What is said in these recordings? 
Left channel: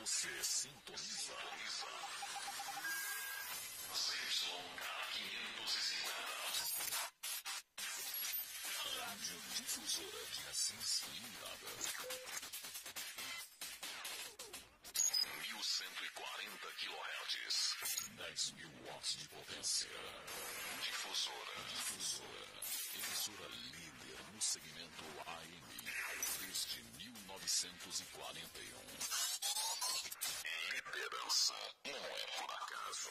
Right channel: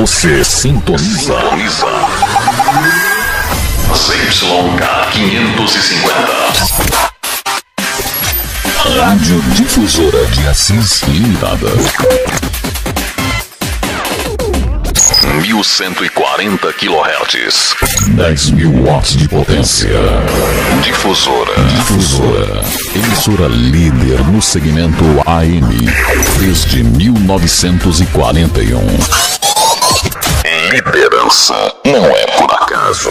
Você sintoniza. ZYK 550. Rádio Difusora de Assis Limitada. 1140 kHz. 10.000 watts de potência. Difusora. Emissora líder no segmento AM desde 1941. Liderança não é por acaso.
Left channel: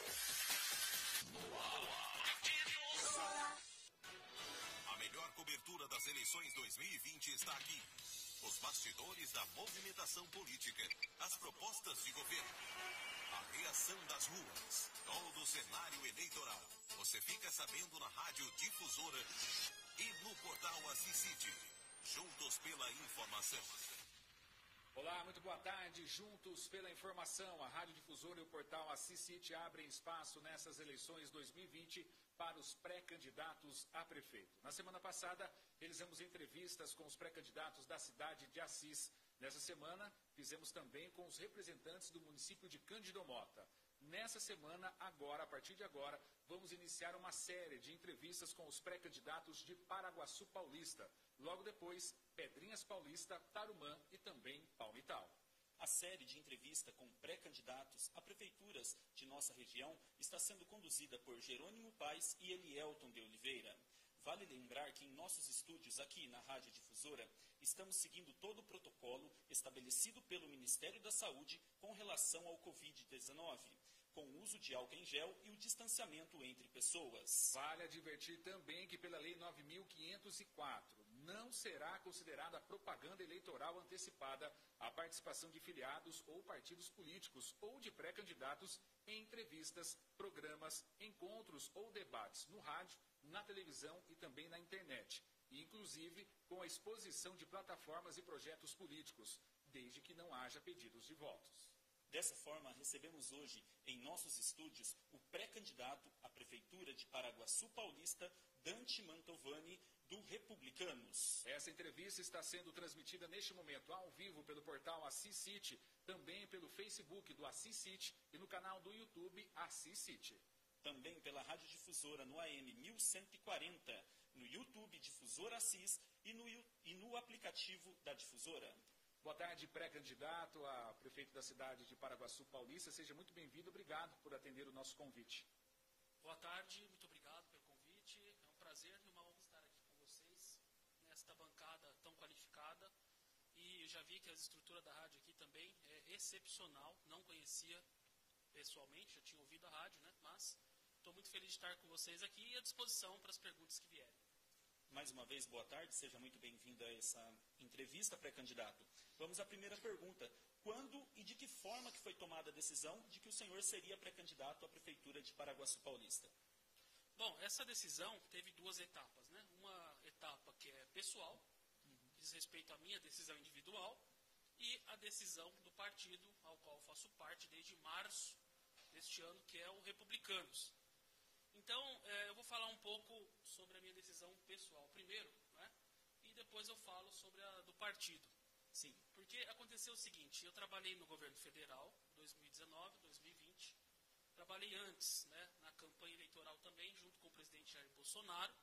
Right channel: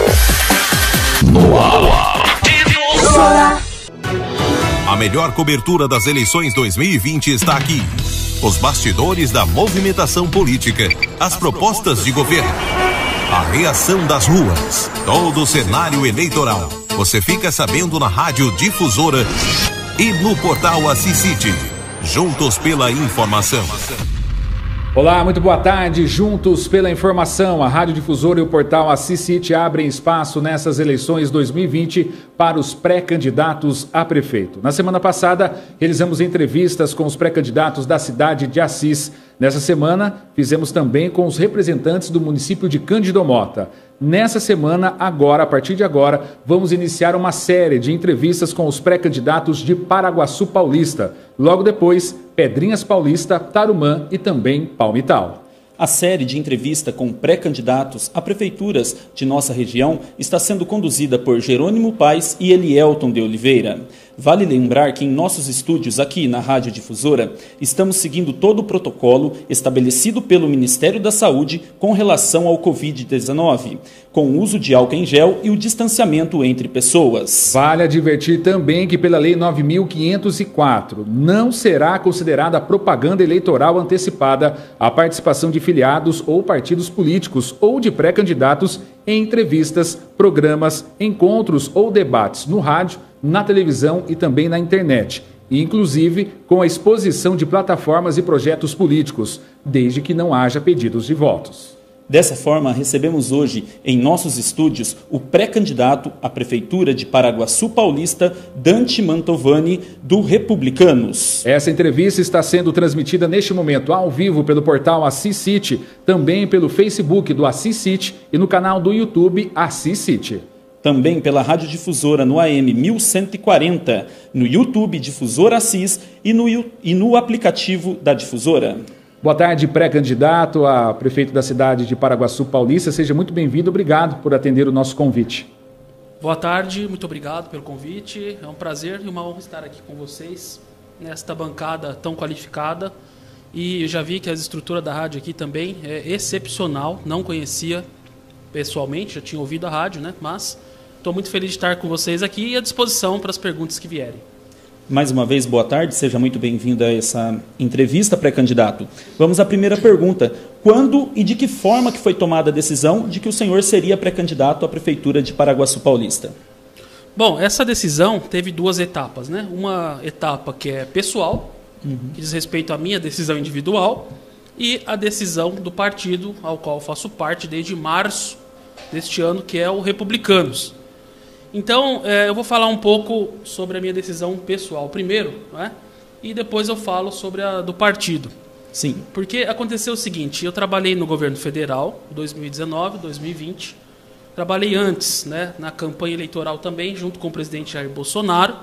No ar. Difusora. A melhor cobertura das eleições 2020 está aqui. Os bastidores da movimentação política, as propostas de governo, a reação das ruas, todo o cenário eleitoral. Você fica sabendo na Rádio Difusora e no portal Assis City. Juntos pela informação. Olá, muito boa tarde. Juntos pela informação, a Rádio Difusora e o portal Assis City abrem espaço nessas eleições 2020 para os pré-candidatos a prefeito. Na semana passada, realizamos entrevistas com os pré-candidatos da cidade de Assis. Nessa semana, fizemos também com os representantes do município de Cândido Mota. Nessa semana, agora, a partir de agora, vamos iniciar uma série de entrevistas com os pré-candidatos de Paraguaçu Paulista. Logo depois, Pedrinhas Paulista, Tarumã e também Palmital. A série de entrevista com pré-candidatos a prefeituras de nossa região está sendo conduzida por Jerônimo Paes e Elielton de Oliveira. Vale lembrar que em nossos estúdios aqui na Rádio Difusora estamos seguindo todo o protocolo estabelecido pelo Ministério da Saúde com relação ao Covid-19, com o uso de álcool em gel e o distanciamento entre pessoas. Vale advertir também que pela Lei 9.504 não será considerada propaganda eleitoral antecipada a participação de filiados ou partidos políticos ou de pré-candidatos em entrevistas, programas, encontros ou debates no rádio, na televisão e também na internet, inclusive com a exposição de plataformas e projetos políticos, desde que não haja pedidos de votos. Dessa forma, recebemos hoje em nossos estúdios o pré-candidato à Prefeitura de Paraguaçu Paulista, Dante Mantovani, do Republicanos. Essa entrevista está sendo transmitida neste momento ao vivo pelo portal Assis City, também pelo Facebook do Assis City e no canal do YouTube Assis City. Também pela Rádio Difusora no AM 1140, no YouTube Difusora Assis e no aplicativo da Difusora. Boa tarde, pré-candidato a prefeito da cidade de Paraguaçu Paulista. Seja muito bem-vindo. Obrigado por atender o nosso convite. Boa tarde, muito obrigado pelo convite. É um prazer e uma honra estar aqui com vocês, nesta bancada tão qualificada. E eu já vi que a estrutura da rádio aqui também é excepcional. Não conhecia pessoalmente, já tinha ouvido a rádio, né? Mas estou muito feliz de estar com vocês aqui e à disposição para as perguntas que vierem. Mais uma vez, boa tarde, seja muito bem-vindo a essa entrevista, pré-candidato. Vamos à primeira pergunta. Quando e de que forma que foi tomada a decisão de que o senhor seria pré-candidato à Prefeitura de Paraguaçu Paulista? Bom, essa decisão teve duas etapas, né? Uma etapa que é pessoal, que diz respeito à minha decisão individual, e a decisão do partido ao qual faço parte desde março deste ano, que é o Republicanos. Então, eu vou falar um pouco sobre a minha decisão pessoal primeiro, né? E depois eu falo sobre a do partido. Sim. Porque aconteceu o seguinte, eu trabalhei no governo federal, 2019, 2020. Trabalhei antes, né, na campanha eleitoral também, junto com o presidente Jair Bolsonaro.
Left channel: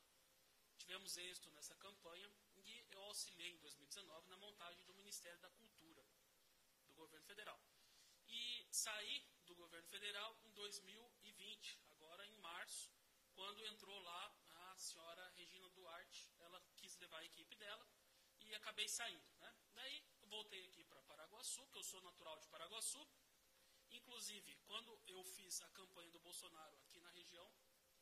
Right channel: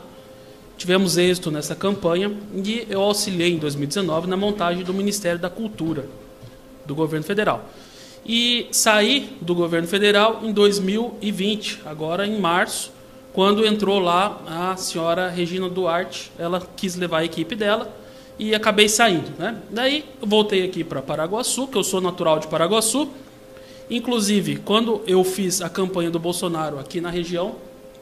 Tivemos êxito nessa campanha e eu auxiliei em 2019 na montagem do Ministério da Cultura do governo federal. E saí do governo federal em 2020, agora em março, quando entrou lá a senhora Regina Duarte. Ela quis levar a equipe dela e acabei saindo, né? Daí eu voltei aqui para Paraguaçu, que eu sou natural de Paraguaçu. Inclusive, quando eu fiz a campanha do Bolsonaro aqui na região,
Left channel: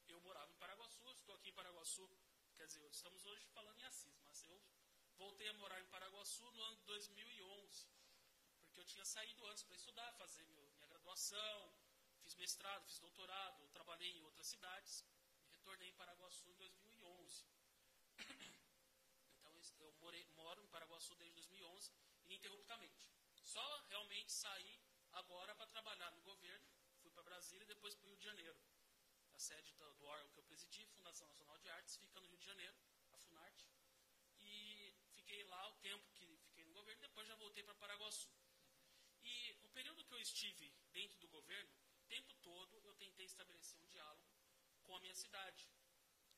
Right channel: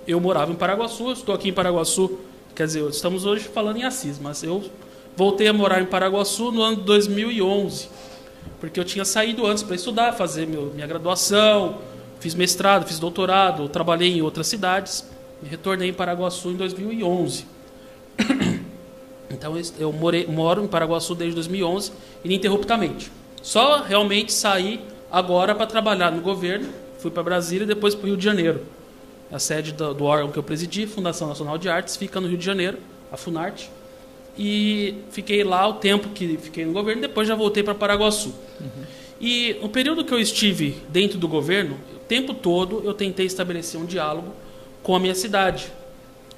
eu morava em Paraguaçu, estou aqui em Paraguaçu, quer dizer, estamos hoje falando em Assis, mas eu voltei a morar em Paraguaçu no ano de 2011. Porque eu tinha saído antes para estudar, fazer minha graduação, fiz mestrado, fiz doutorado, trabalhei em outras cidades e retornei em Paraguaçu em 2011. Então eu moro em Paraguaçu desde 2011 ininterruptamente. Só realmente saí agora para trabalhar no governo, fui para Brasília e depois para o Rio de Janeiro. A sede do órgão que eu presidi, Fundação Nacional de Artes, fica no Rio de Janeiro, a Funarte. E fiquei lá o tempo que fiquei no governo, depois já voltei para Paraguaçu. E no período que eu estive dentro do governo, o tempo todo eu tentei estabelecer um diálogo com a minha cidade.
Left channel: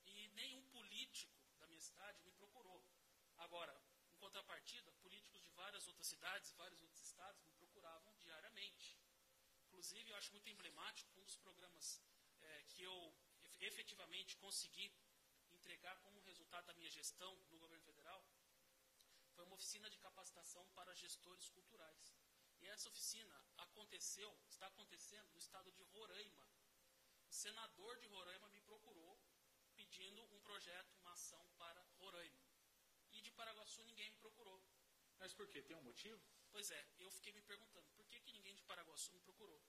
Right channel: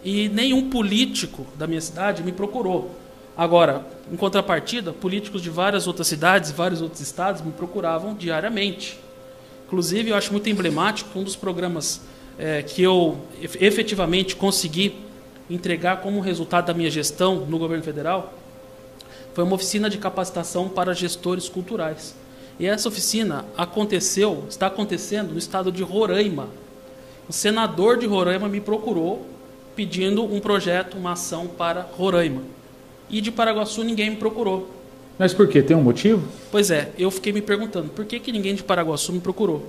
E nenhum político da minha cidade me procurou. Agora, em contrapartida, políticos de várias outras cidades, vários outros estados me procuravam diariamente. Inclusive, eu acho muito emblemático que um dos programas que eu efetivamente consegui entregar como resultado da minha gestão no governo federal foi uma oficina de capacitação para gestores culturais. E essa oficina está acontecendo no estado de Roraima. O senador de Roraima me procurou pedindo um projeto, uma ação para Roraima. E de Paraguaçu ninguém me procurou. Mas por quê? Tem um motivo? Pois é, eu fiquei me perguntando, por que ninguém de Paraguaçu me procurou?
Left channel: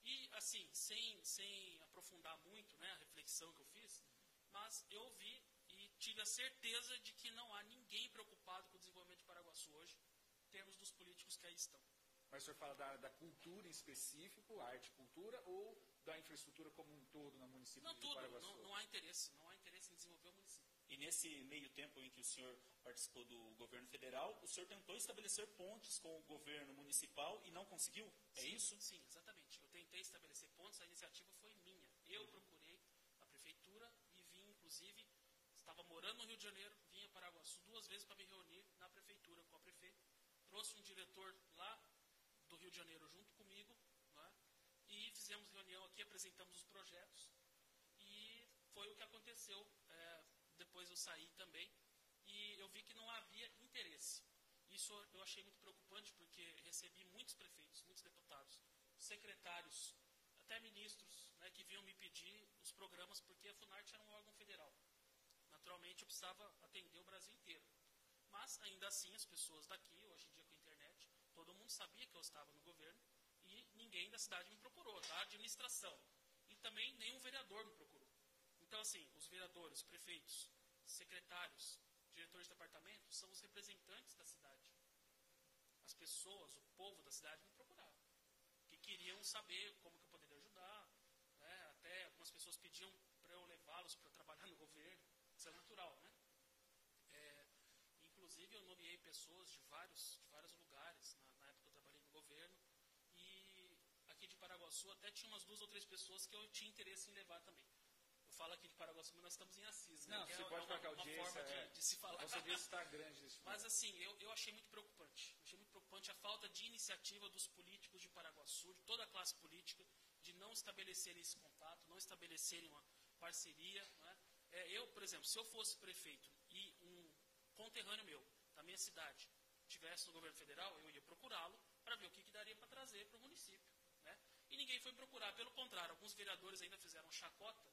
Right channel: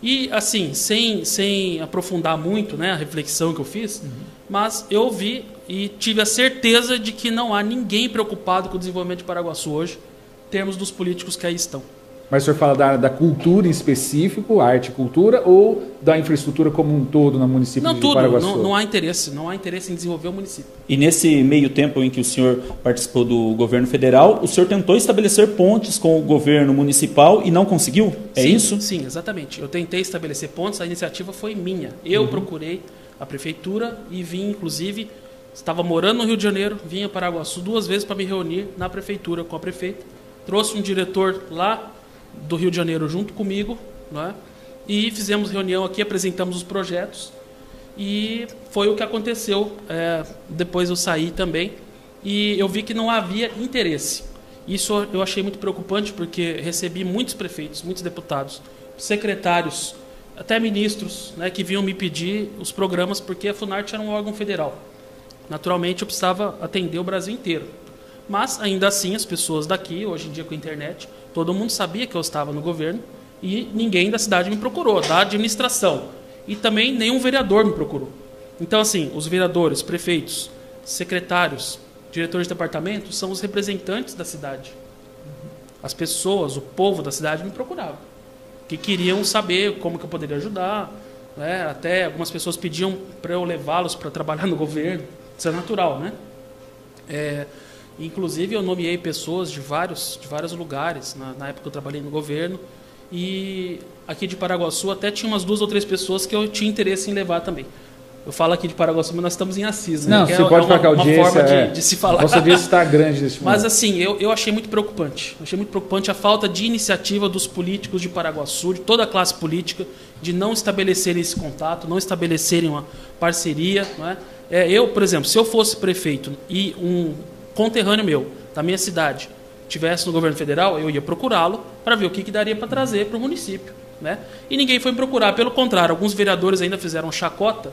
E, assim, sem aprofundar muito, né, a reflexão que eu fiz, mas eu vi e tive a certeza de que não há ninguém preocupado com o desenvolvimento de Paraguaçu hoje, em termos dos políticos que aí estão. Mas o senhor fala da área da cultura em específico, arte e cultura, ou da infraestrutura como um todo no município de Paraguaçu? Não há interesse em desenvolver o município. E nesse meio tempo em que o senhor participou do governo federal, o senhor tentou estabelecer pontes com o governo municipal e não conseguiu? É isso? Sim, exatamente. Eu tentei estabelecer pontes, a iniciativa foi minha. Eu procurei a prefeitura e vim, inclusive, estava morando no Rio de Janeiro, vim a Paraguaçu 2 vezes para me reunir na prefeitura com a prefeita. Trouxe um diretor lá do Rio de Janeiro junto comigo, né? E fizemos reunião aqui, apresentamos os projetos e foi o que aconteceu. Depois eu saí também e eu vi que não havia interesse. Isso eu achei muito preocupante porque recebi muitos prefeitos, muitos deputados, secretários, até ministros, né, que vinham me pedir os programas porque a Funarte era um órgão federal. Naturalmente eu precisava atender o Brasil inteiro. Mas ainda assim as pessoas daqui, hoje em dia com a internet, todo mundo sabia que eu estava no governo e ninguém da cidade me procurou, da administração. E também nenhum vereador me procurou. Então, assim, os vereadores, prefeitos, secretários, diretores de departamento são os representantes da cidade. As pessoas, o povo da cidade me procuravam, que queriam saber como que eu poderia ajudar, né? Até algumas pessoas pediam para eu levá-los para trabalhar no governo. Isso é natural, né? Inclusive, eu nomeei pessoas de vários lugares, na época que eu trabalhei no governo, e aqui de Paraguaçu até tinha umas 2 ou 3 pessoas que eu tinha interesse em levar também. Eu falo aqui de Paraguaçu, mas nós estamos em Assis, né? Não, você pode falar que a audiência... uma forma de se falar. Nossa audiência está grande nesse momento. Mas, assim, eu achei muito preocupante. Achei muito preocupante a falta de iniciativa dos políticos de Paraguaçu, de toda a classe política, de não estabelecerem esse contato, não estabelecerem uma parceria, não é? Eu, por exemplo, se eu fosse prefeito e um conterrâneo meu, da minha cidade, estivesse no governo federal, eu ia procurá-lo para ver o que daria para trazer para o município, né? E ninguém foi me procurar. Pelo contrário, alguns vereadores ainda fizeram chacota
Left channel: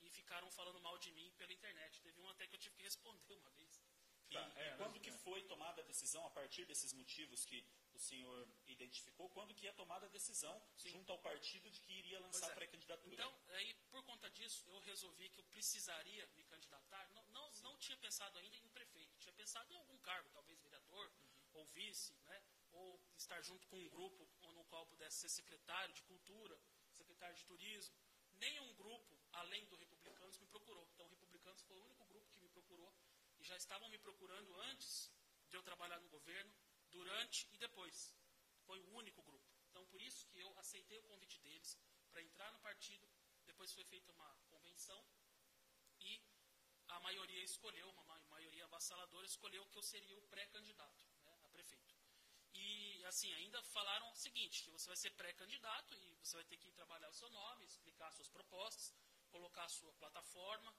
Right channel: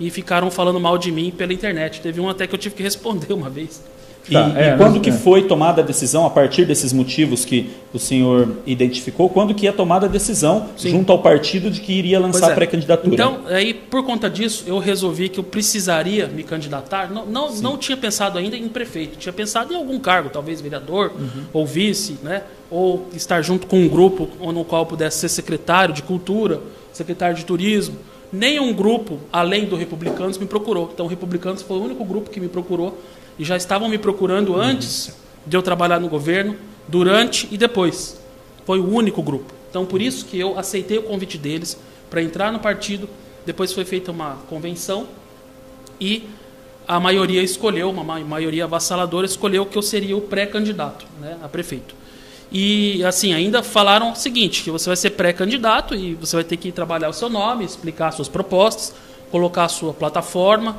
e ficaram falando mal de mim pela internet. Teve um até que eu tive que responder uma vez. E quando que foi tomada a decisão, a partir desses motivos que o senhor identificou, quando que é tomada a decisão junto ao partido de que iria lançar a pré-candidatura? Então, aí, por conta disso, eu resolvi que eu precisaria me candidatar. Não tinha pensado ainda em prefeito, tinha pensado em algum cargo, talvez vereador ou vice, né? Ou estar junto com um grupo no qual eu pudesse ser secretário de cultura, secretário de turismo. Nenhum grupo, além do Republicanos, me procurou. Então, o Republicanos foi o único grupo que me procurou. E já estavam me procurando antes de eu trabalhar no governo, durante e depois. Foi o único grupo. Então, por isso que eu aceitei o convite deles para entrar no partido. Depois foi feita uma convenção e a maioria escolheu, uma maioria avassaladora, escolheu que eu seria o pré-candidato, né, a prefeito. E, assim, ainda falaram o seguinte, que você vai ser pré-candidato e você vai ter que trabalhar o seu nome, explicar suas propostas, colocar a sua plataforma,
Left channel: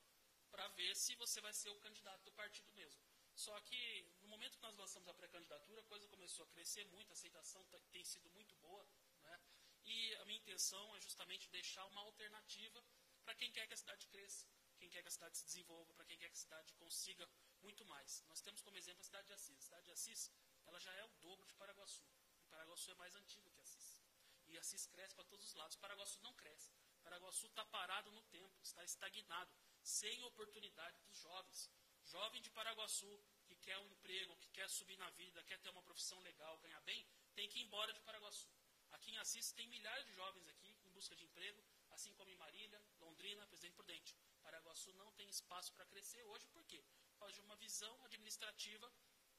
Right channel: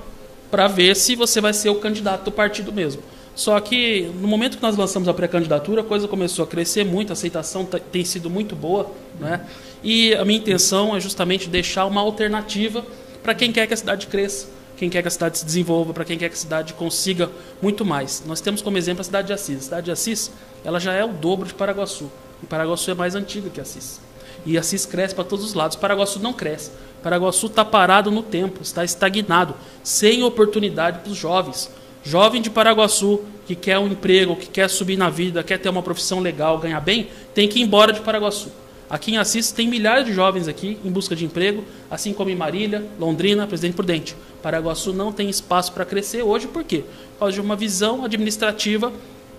para ver se você vai ser o candidato do partido mesmo. Só que, no momento que nós lançamos a pré-candidatura, a coisa começou a crescer muito, a aceitação tem sido muito boa, né? E a minha intenção é justamente deixar uma alternativa para quem quer que a cidade cresça, quem quer que a cidade se desenvolva, para quem quer que a cidade consiga muito mais. Nós temos como exemplo a cidade de Assis. A cidade de Assis, ela já é o dobro de Paraguaçu. E Paraguaçu é mais antiga que Assis. E Assis cresce para todos os lados. Paraguaçu não cresce. Paraguaçu está parado no tempo, está estagnado, sem oportunidade para os jovens. Jovem de Paraguaçu que quer um emprego, que quer subir na vida, quer ter uma profissão legal, ganhar bem, tem que ir embora de Paraguaçu. Aqui em Assis tem milhares de jovens aqui em busca de emprego, assim como em Marília, Londrina, Presidente Prudente. Paraguaçu não tem espaço para crescer hoje, por quê? Por causa de uma visão administrativa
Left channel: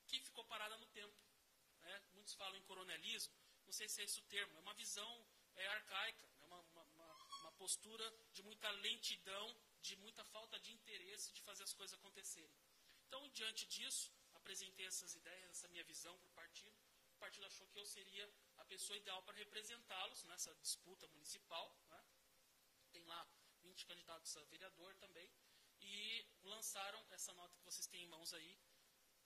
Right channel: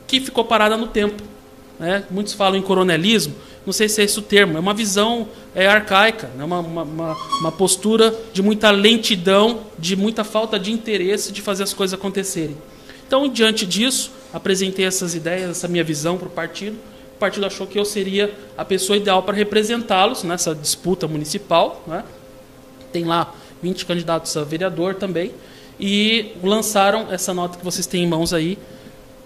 que ficou parada no tempo. né? Muitos falam em coronelismo, não sei se é esse o termo, é uma visão arcaica, né? Uma postura de muita lentidão, de muita falta de interesse de fazer as coisas acontecerem. Então, diante disso, apresentei essas ideias, essa minha visão para o partido achou que eu seria a pessoa ideal para representá-los nessa disputa municipal, né? Tem lá 20 candidatos a vereador também, e lançaram essa nota que vocês têm em mãos aí,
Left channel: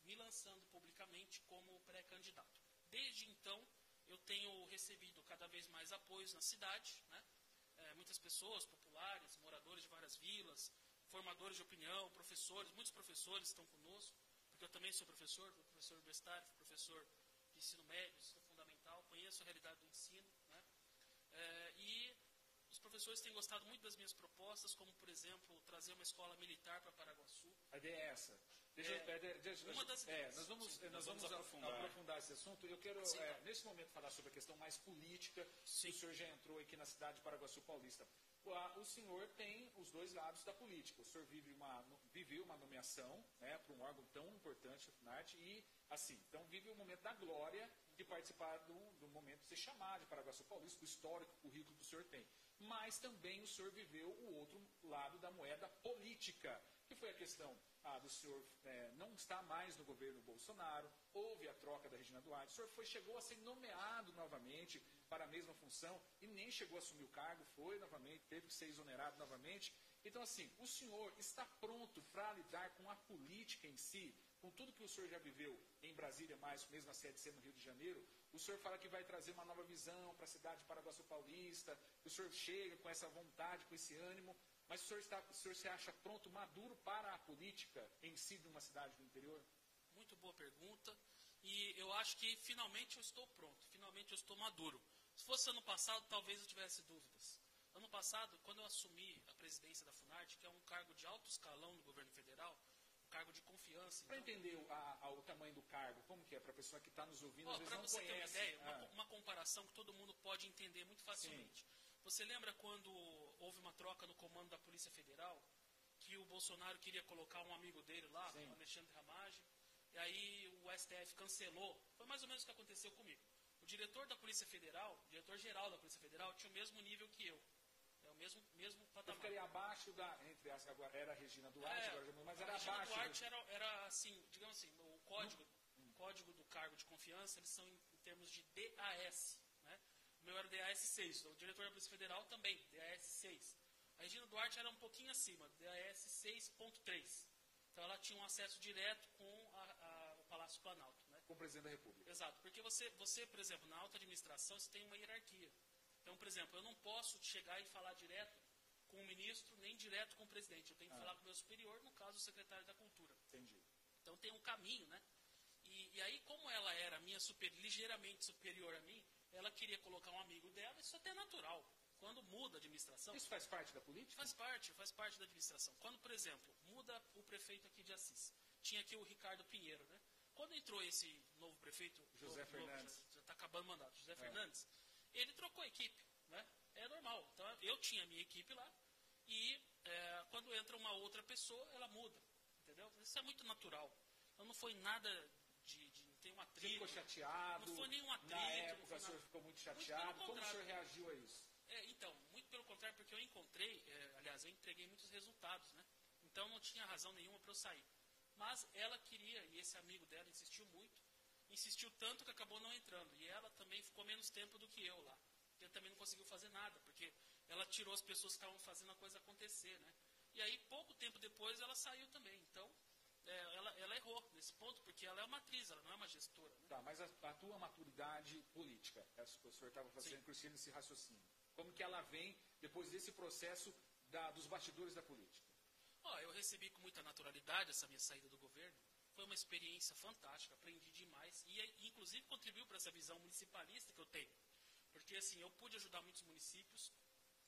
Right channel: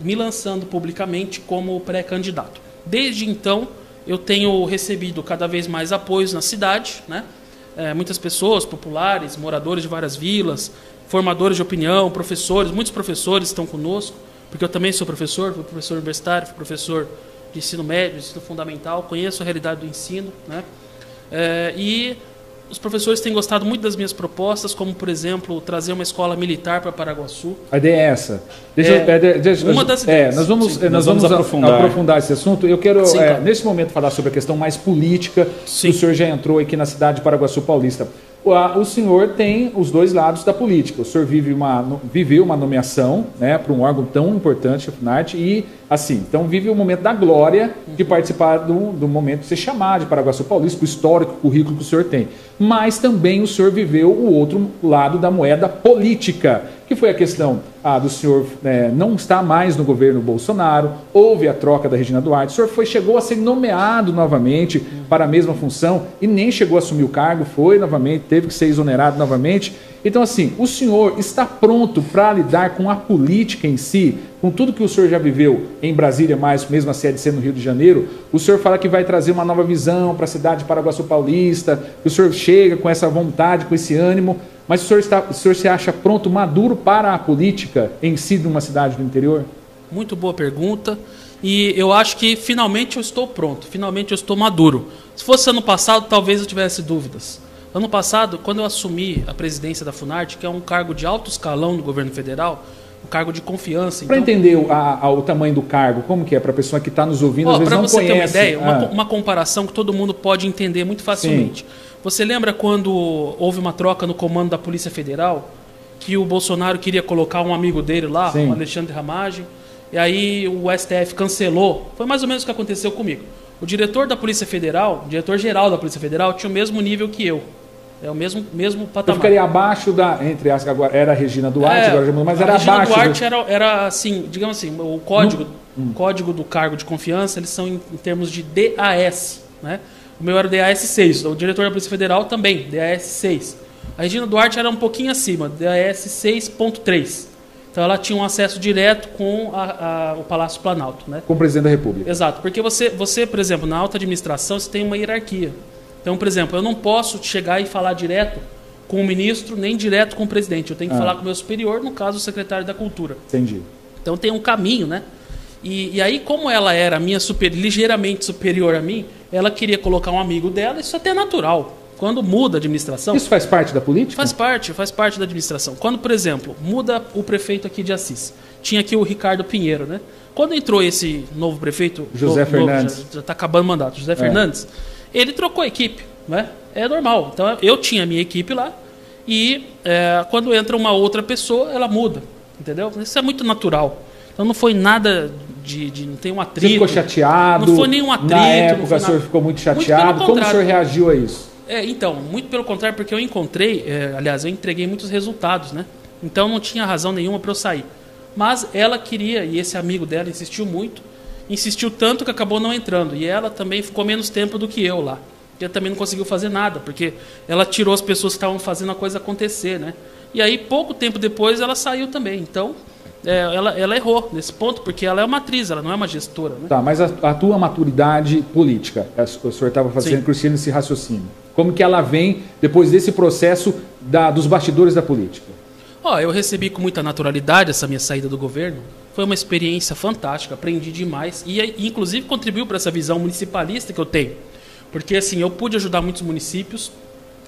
me lançando publicamente como pré-candidato. Desde então, eu tenho recebido cada vez mais apoios na cidade, né? Muitas pessoas, populares, moradores de várias vilas, formadores de opinião, professores, muitos professores estão conosco, porque eu também sou professor, fui professor universitário, fui professor de ensino médio, de ensino fundamental, conheço a realidade do ensino, né? E os professores têm gostado muito das minhas propostas, como, por exemplo, trazer uma escola militar para Paraguaçu. A ideia é essa. Uma das ideias. Nós vamos aprofundar esse assunto. Eu quero, claro, nesse momento, falar sobre a questão mais política, que o senhor já entrou aqui na cidade de Paraguaçu Paulista. O senhor tem os dois lados da política. O senhor viveu uma nomeação, né, para um órgão tão importante, a Funarte, e assim, então vive o momento da glória de participar do momento de ser chamado de Paraguaçu Paulista, o histórico, o currículo que o senhor tem. Mas também o senhor viveu o outro lado da moeda política, que foi a questão do senhor não estar mais no governo Bolsonaro, houve a troca da Regina Duarte, o senhor chegou a ser nomeado novamente para a mesma função e nem chegou a assumir o cargo, foi novamente, teve que ser exonerado novamente. Então, assim, o senhor está pronto para lidar com a política em si, com tudo que o senhor já viveu em Brasília, mais mesmo a sede sendo no Rio de Janeiro? O senhor fala que vai trazer uma nova visão para a cidade de Paraguaçu Paulista, que o senhor chega com essa vontade, com esse ânimo, mas o senhor se acha pronto, maduro para a política em si de uma cidade do interior? Muito boa pergunta. E eu acho que finalmente eu estou pronto, finalmente eu estou maduro. Se fosse ano passado, talvez eu tivesse dúvidas. Ano passado, quando eu assumi a presidência da Funarte, que é um cargo de alto escalão do governo federal, um cargo de confiança... Para entender o tamanho do cargo, como que é? Para a pessoa que está nos ouvindo, às vezes não conhece. Para você ter uma ideia, uma comparação que todo mundo pode entender muito facilmente. Sim. Você lembra quando houve uma troca no comando da Polícia Federal, que o Bolsonaro queria colocar um amigo dele lá, Sim, o Alexandre Ramagem, e aí o STF cancelou? Foi mais ou menos o que aconteceu comigo. O diretor da Polícia Federal, o diretor-geral da Polícia Federal, tinha o mesmo nível que eu. É o mesmo patamar. Eu ficaria abaixo entre as, agora era a Regina Duarte, agora já mudou, mas era abaixo. A Regina Duarte era assim, digamos assim, o código do cargo de confiança, eles são em termos de DAS, né? O meu era o DAS 6, o diretor da Polícia Federal também, DAS 6. A Regina Duarte era um pouquinho acima, DAS 6.3. Então ela tinha um acesso direto com o Palácio Planalto, né? Com o presidente da República. Exato, porque você, por exemplo, na alta administração, você tem uma hierarquia. Então, por exemplo, eu não posso chegar e falar direto com o ministro, nem direto com o presidente. Eu tenho que falar com o meu superior, no caso, o secretário da Cultura. Entendi. Então tem um caminho, né? E aí, como ela era ligeiramente superior a mim, ela queria colocar um amigo dela, isso até é natural. Quando muda a administração... Isso faz parte da política? Faz parte da administração. Quando, por exemplo, muda o prefeito aqui de Assis, tinha aqui o Ricardo Pinheiro, né? Quando entrou esse novo prefeito... José Fernandes. Já está acabando o mandato. José Fernandes, ele trocou a equipe, né? É normal. Então, eu tinha a minha equipe lá e quando entra uma outra pessoa, ela muda, entendeu? Isso é muito natural. Então, não foi nada não tem um atrito. Você ficou chateado? Não foi nenhum atrito. Na época, o senhor ficou muito chateado. Como o senhor reagiu a isso? Então, muito pelo contrário, porque eu encontrei, aliás, eu entreguei muitos resultados, né? Então, não tinha razão nenhuma para eu sair. Mas ela queria, e esse amigo dela insistiu muito, insistiu tanto que acabou não entrando. E ela também ficou menos tempo do que eu lá. E ela também não conseguiu fazer nada, porque ela tirou as pessoas que estavam fazendo a coisa acontecer, né? E aí, pouco tempo depois, ela saiu também. Então, ela errou nesse ponto, porque ela é uma atriz, ela não é uma gestora, né? Tá, mas a tua maturidade política, o senhor estava fazendo, Cristiano, esse raciocínio. Como que ela vem depois desse processo dos bastidores da política? Eu recebi com muita naturalidade essa minha saída do governo. Foi uma experiência fantástica, aprendi demais e inclusive contribuiu para essa visão municipalista que eu tenho. Porque assim, eu pude ajudar muitos municípios,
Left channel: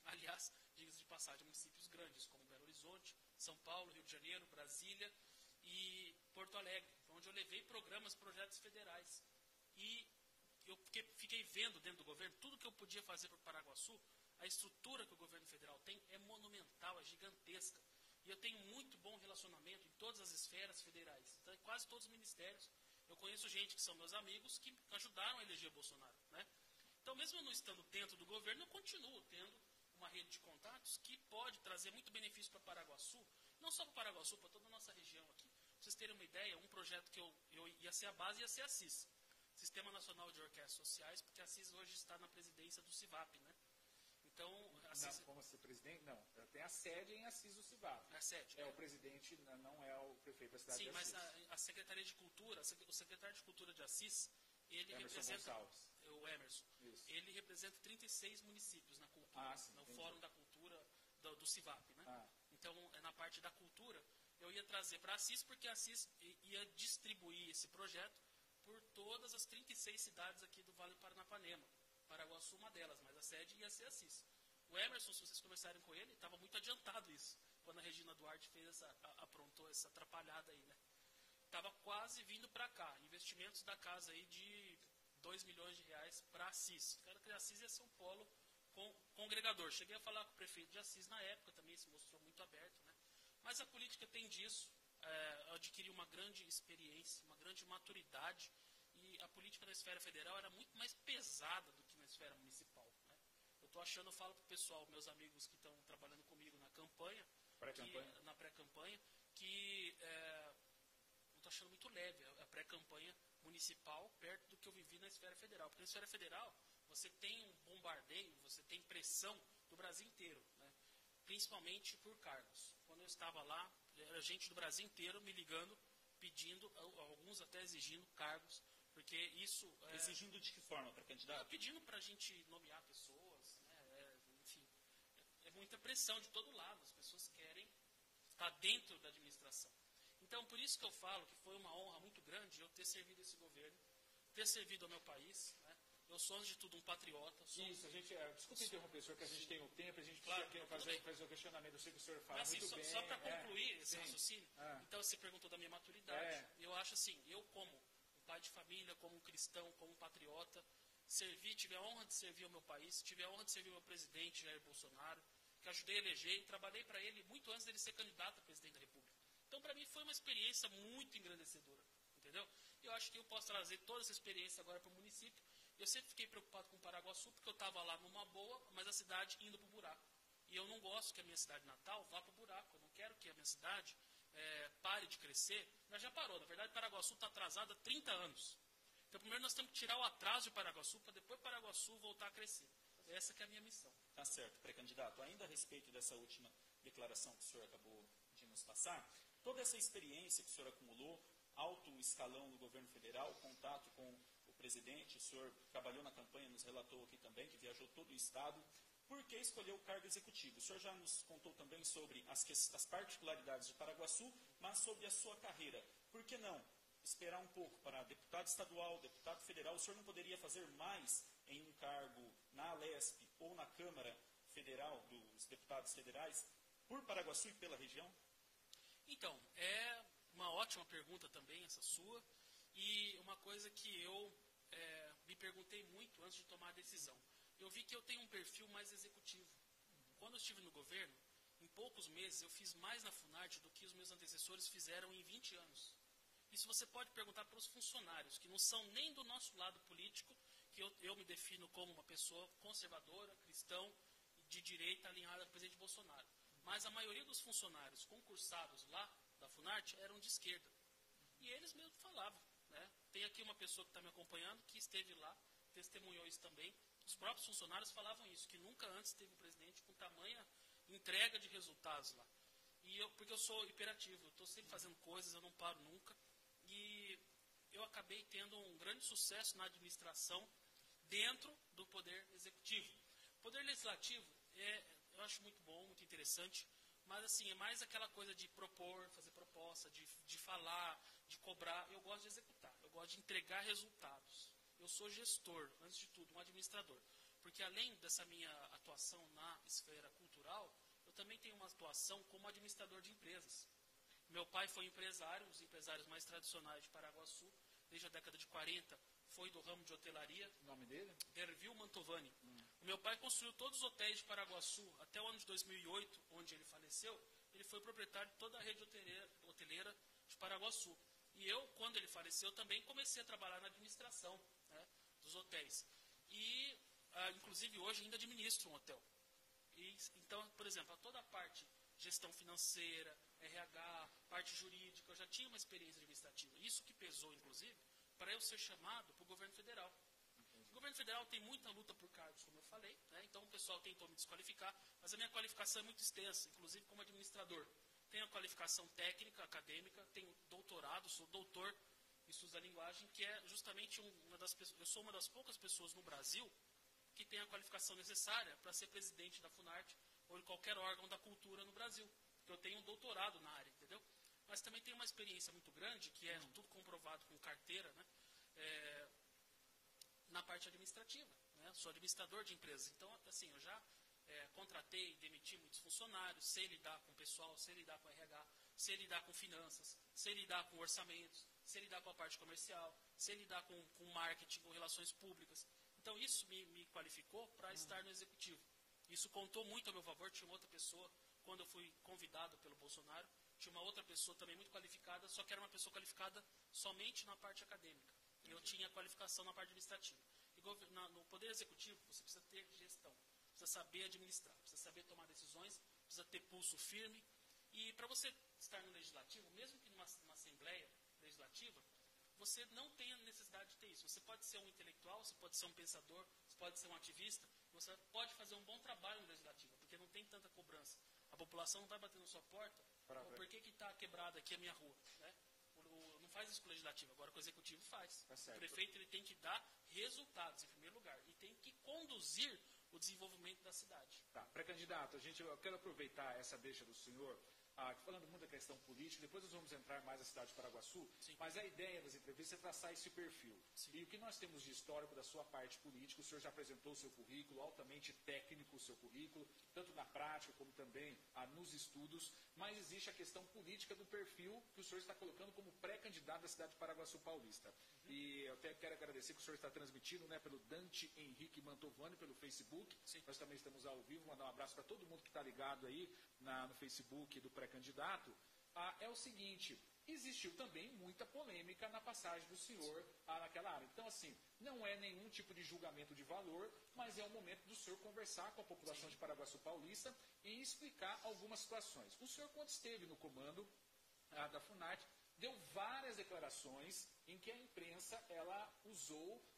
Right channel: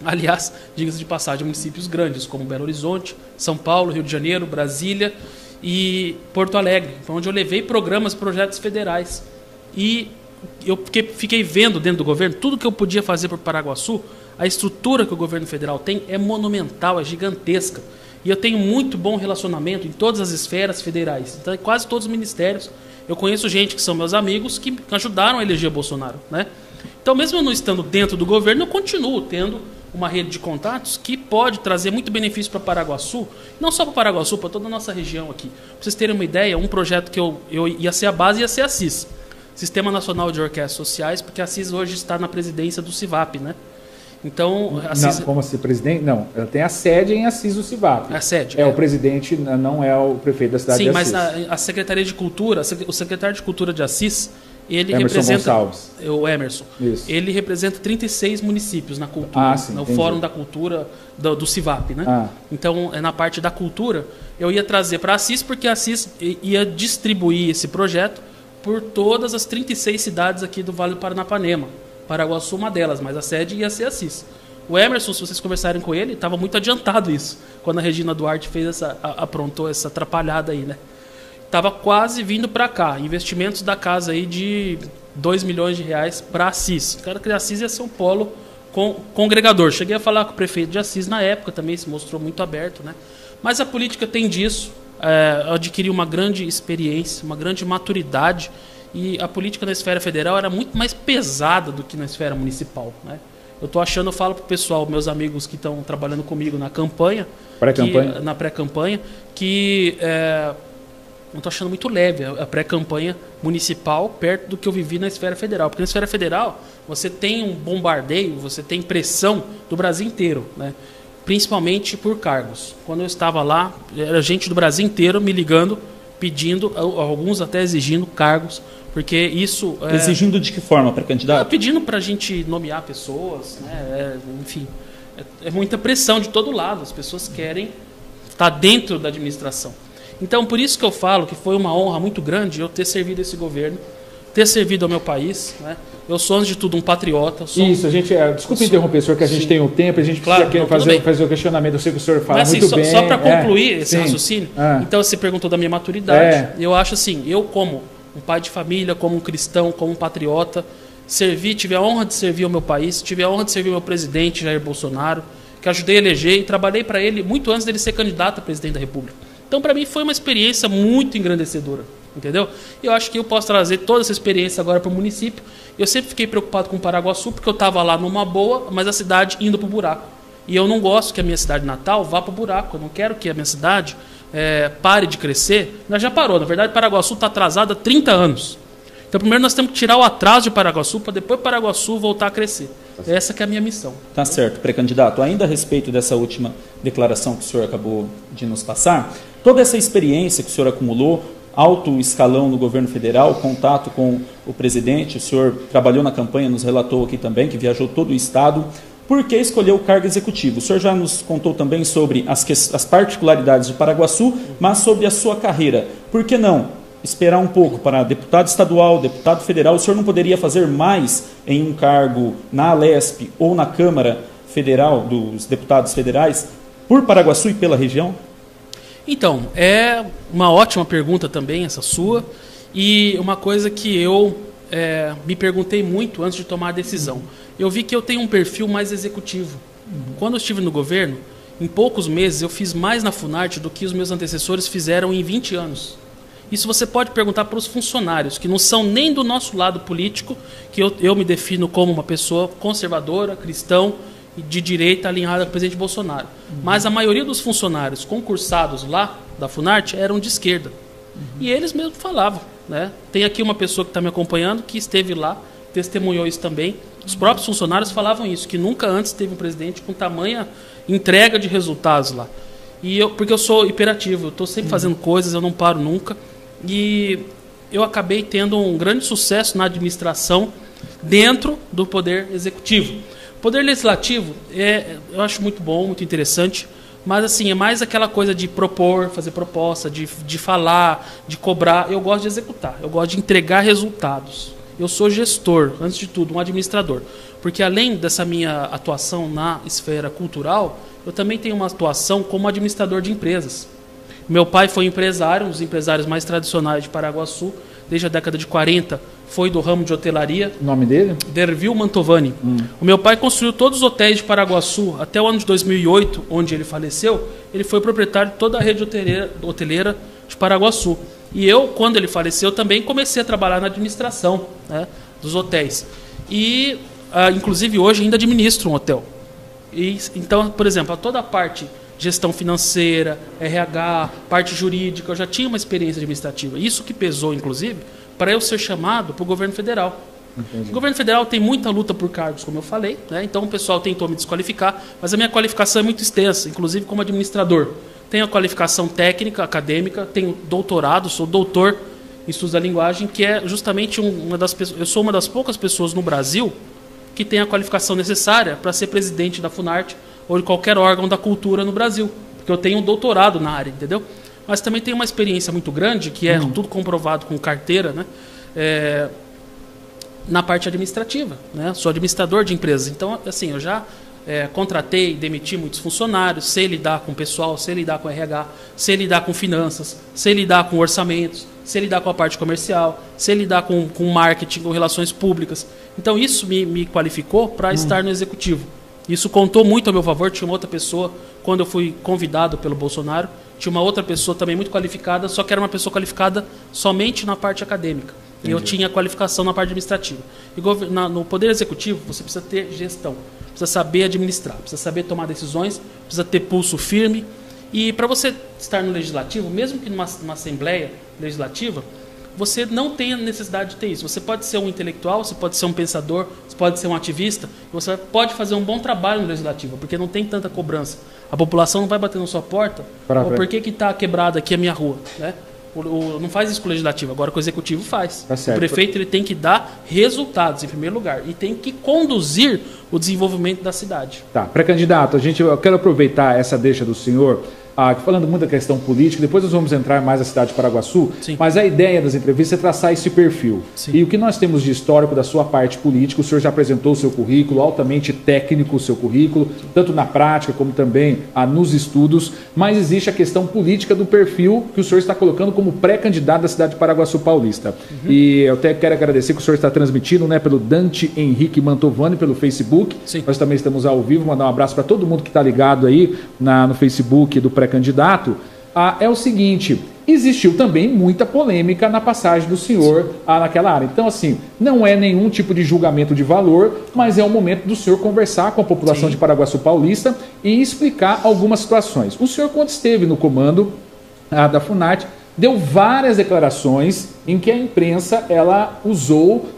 aliás, diga-se de passagem, municípios grandes como Belo Horizonte, São Paulo, Rio de Janeiro, Brasília e Porto Alegre, onde eu levei programas, projetos federais. E eu fiquei vendo dentro do governo tudo que eu podia fazer por Paraguaçu. A estrutura que o governo federal tem é monumental, é gigantesca. E eu tenho muito bom relacionamento em todas as esferas federais. Então, em quase todos os ministérios, eu conheço gente que são meus amigos que ajudaram a eleger Bolsonaro, né? Então, mesmo eu não estando dentro do governo, eu continuo tendo uma rede de contatos que pode trazer muito benefício para Paraguaçu, não só para Paraguaçu, para toda a nossa região aqui. Para vocês terem uma ideia, um projeto que eu ia ser a base ia ser a CIS, Sistema Nacional de Orquestras Sociais, porque a CIS hoje está na presidência do CIVAP, né? Então, a CIS... Não, como assim, presidente? Não, ela tem a sede em Assis do CIVAP. A sede. O presidente não é o prefeito da cidade de Assis. Sim, mas a Secretaria de Cultura, o secretário de Cultura de Assis, ele Emerson representa... Gonçalves. O Emerson. Isso. Ele representa 36 municípios na cultura, sim, no entendi. Fórum da Cultura do CIVAP, né? Então, na parte da cultura, eu ia trazer para Assis, porque a Assis ia distribuir esse projeto por todas as 36 cidades aqui do Vale do Paranapanema. Paraguaçu uma delas, mas a sede ia ser Assis. O Emerson, se vocês conversarem com ele, estava muito adiantado isso, quando a Regina Duarte aprontou essa atrapalhada aí, né? Estava quase vindo para cá, investimentos da casa aí de 2 milhões de reais para Assis. O cara que Assis ia ser um polo congregador. Cheguei a falar com o prefeito de Assis na época, também se mostrou muito aberto, né? Mas a política tem disso, adquirir uma grande experiência, uma grande maturidade, e a política na esfera federal era muito mais pesada do que na esfera municipal, né? Eu falo pro pessoal, meus amigos que estão trabalhando comigo na campanha, na pré-campanha, que eu estou achando muito leve a pré-campanha municipal perto do que eu vivi na esfera federal. Porque na esfera federal você tem um bombardeio, você tem pressão do Brasil inteiro, né? Principalmente por cargos. Quando eu estava lá, era gente do Brasil inteiro me ligando, pedindo, alguns até exigindo cargos, porque isso... Exigindo de que forma para candidato? Pedindo para a gente nomear pessoas, né? Enfim, é muita pressão de todo lado, as pessoas querem estar dentro da administração. Então, por isso que eu falo que foi uma honra muito grande eu ter servido esse governo, ter servido ao meu país, né? Eu sou, antes de tudo, um patriota. Isso, a gente... Desculpa interromper, senhor, que a gente tem o tempo, a gente precisa fazer o questionamento. Eu sei que o senhor fala muito bem. Só para concluir esse raciocínio, então você perguntou da minha maturidade. Eu acho assim, eu como um pai de família, como um cristão, como um patriota, tive a honra de servir ao meu país, tive a honra de servir ao meu presidente, Jair Bolsonaro, que ajudei a eleger e trabalhei para ele muito antes dele ser candidato a presidente da República. Então, para mim, foi uma experiência muito engrandecedora, entendeu? Eu acho que eu posso trazer toda essa experiência agora para o município. Eu sempre fiquei preocupado com Paraguaçu, porque eu estava lá numa boa, mas a cidade indo para o buraco. E eu não gosto que a minha cidade natal vá para o buraco. Eu não quero que a minha cidade pare de crescer. Nós já parou. Na verdade, Paraguaçu está atrasado há 30 anos. Então, primeiro nós temos que tirar o atraso de Paraguaçu, para depois Paraguaçu voltar a crescer. Essa que é a minha missão. Tá certo, pré-candidato. Ainda a respeito dessa última declaração que o senhor acabou de nos passar, toda essa experiência que o senhor acumulou, alto escalão no governo federal, contato com o presidente, o senhor trabalhou na campanha, nos relatou aqui também, que viajou todo o estado. Por que escolheu o cargo executivo? O senhor já nos contou também sobre as particularidades de Paraguaçu, mas sobre a sua carreira. Por que não esperar um pouco para deputado estadual, deputado federal? O senhor não poderia fazer mais em um cargo na Alesp ou na Câmara Federal dos Deputados Federais por Paraguaçu e pela região? Então, é uma ótima pergunta também essa sua, e uma coisa que eu me perguntei muito antes de tomar a decisão. Eu vi que eu tenho um perfil mais executivo. Quando eu estive no governo, em poucos meses eu fiz mais na Funarte do que os meus antecessores fizeram em 20 anos. Isso você pode perguntar para os funcionários, que não são nem do nosso lado político, que eu me defino como uma pessoa conservadora, cristão, de direita alinhada com o presidente Bolsonaro. Mas a maioria dos funcionários concursados lá da Funarte eram de esquerda. E eles mesmos falavam, né? Tem aqui uma pessoa que está me acompanhando, que esteve lá, testemunhou isso também. Os próprios funcionários falavam isso, que nunca antes teve um presidente com tamanha entrega de resultados lá. Porque eu sou hiperativo, eu estou sempre fazendo coisas, eu não paro nunca. E eu acabei tendo um grande sucesso na administração dentro do Poder Executivo. O Poder Legislativo, eu acho muito bom, muito interessante, mas assim, é mais aquela coisa de propor, fazer proposta, de falar, de cobrar. Eu gosto de executar, eu gosto de entregar resultados. Eu sou gestor, antes de tudo, um administrador. Porque além dessa minha atuação na esfera cultural, eu também tenho uma atuação como administrador de empresas. Meu pai foi empresário, um dos empresários mais tradicionais de Paraguaçu, desde a década de 40, foi do ramo de hotelaria. O nome dele? Dervil Mantovani. O meu pai construiu todos os hotéis de Paraguaçu até o ano de 2008, onde ele faleceu. Ele foi proprietário de toda a rede hoteleira de Paraguaçu. E eu, quando ele faleceu, também comecei a trabalhar na administração, né, dos hotéis. E, inclusive, hoje ainda administro um hotel. Então, por exemplo, toda a parte gestão financeira, RH, parte jurídica, eu já tinha uma experiência administrativa. Isso que pesou, inclusive, para eu ser chamado para o governo federal. Entendi. O governo federal tem muita luta por cargos, como eu falei, né? Então o pessoal tentou me desqualificar, mas a minha qualificação é muito extensa, inclusive como administrador. Tenho a qualificação técnica, acadêmica, tenho doutorado, sou doutor em estudos da linguagem, que é justamente eu sou uma das poucas pessoas no Brasil que tem a qualificação necessária para ser presidente da Funarte ou de qualquer órgão da cultura no Brasil, porque eu tenho um doutorado na área, entendeu? Mas também tenho uma experiência muito grande, que é tudo comprovado com carteira, né? Na parte administrativa, né? Sou administrador de empresas, então, assim, eu já contratei e demiti muitos funcionários, sei lidar com o pessoal, sei lidar com RH, sei lidar com finanças, sei lidar com orçamentos, sei lidar com a parte comercial, sei lidar com marketing, com relações públicas. Então, isso me qualificou para estar no executivo. Isso contou muito a meu favor. Tinha uma outra pessoa, quando eu fui convidado pelo Bolsonaro, tinha uma outra pessoa também muito qualificada, só que era uma pessoa qualificada somente na parte acadêmica. Entendi. E eu tinha qualificação na parte administrativa. E no Poder Executivo, você precisa ter gestão, precisa saber administrar, precisa saber tomar decisões, precisa ter pulso firme. E para você estar no Legislativo, mesmo que numa Assembleia Legislativa, você não tem a necessidade de ter isso. Você pode ser um intelectual, você pode ser um pensador, você pode ser um ativista, você pode fazer um bom trabalho no Legislativo, porque não tem tanta cobrança. A população não vai bater na sua porta, por que está quebrada aqui a minha rua? Né? Não faz isso com o Legislativo, agora com o Executivo faz. Tá certo. O prefeito ele tem que dar resultados, em primeiro lugar, e tem que conduzir o desenvolvimento da cidade. Tá, pré-candidato, eu quero aproveitar essa deixa do senhor, falando muito da questão política, depois nós vamos entrar mais na cidade de Paraguaçu, Sim. Mas a ideia das entrevistas é traçar esse perfil. Sim. E o que nós temos de histórico da sua parte política, o senhor já apresentou o seu currículo, altamente técnico o seu currículo, tanto na prática como também nos estudos, mas existe a questão política do perfil que o senhor está colocando como pré-candidato da cidade de Paraguaçu Paulista. E eu até quero agradecer que o senhor está transmitindo, né, pelo Dante Henrique Mantovani, pelo Facebook. Sim. Nós também estamos ao vivo, mandar um abraço para todo mundo que está ligado aí no Facebook do pré-candidato. É o seguinte, existiu também muita polêmica na passagem do senhor naquela área. Então, assim, não é nenhum tipo de julgamento de valor, mas é o momento do senhor conversar com a população de Paraguaçu Paulista e explicar algumas situações. O senhor, quando esteve no comando da Funarte, deu várias declarações em que a imprensa ela usou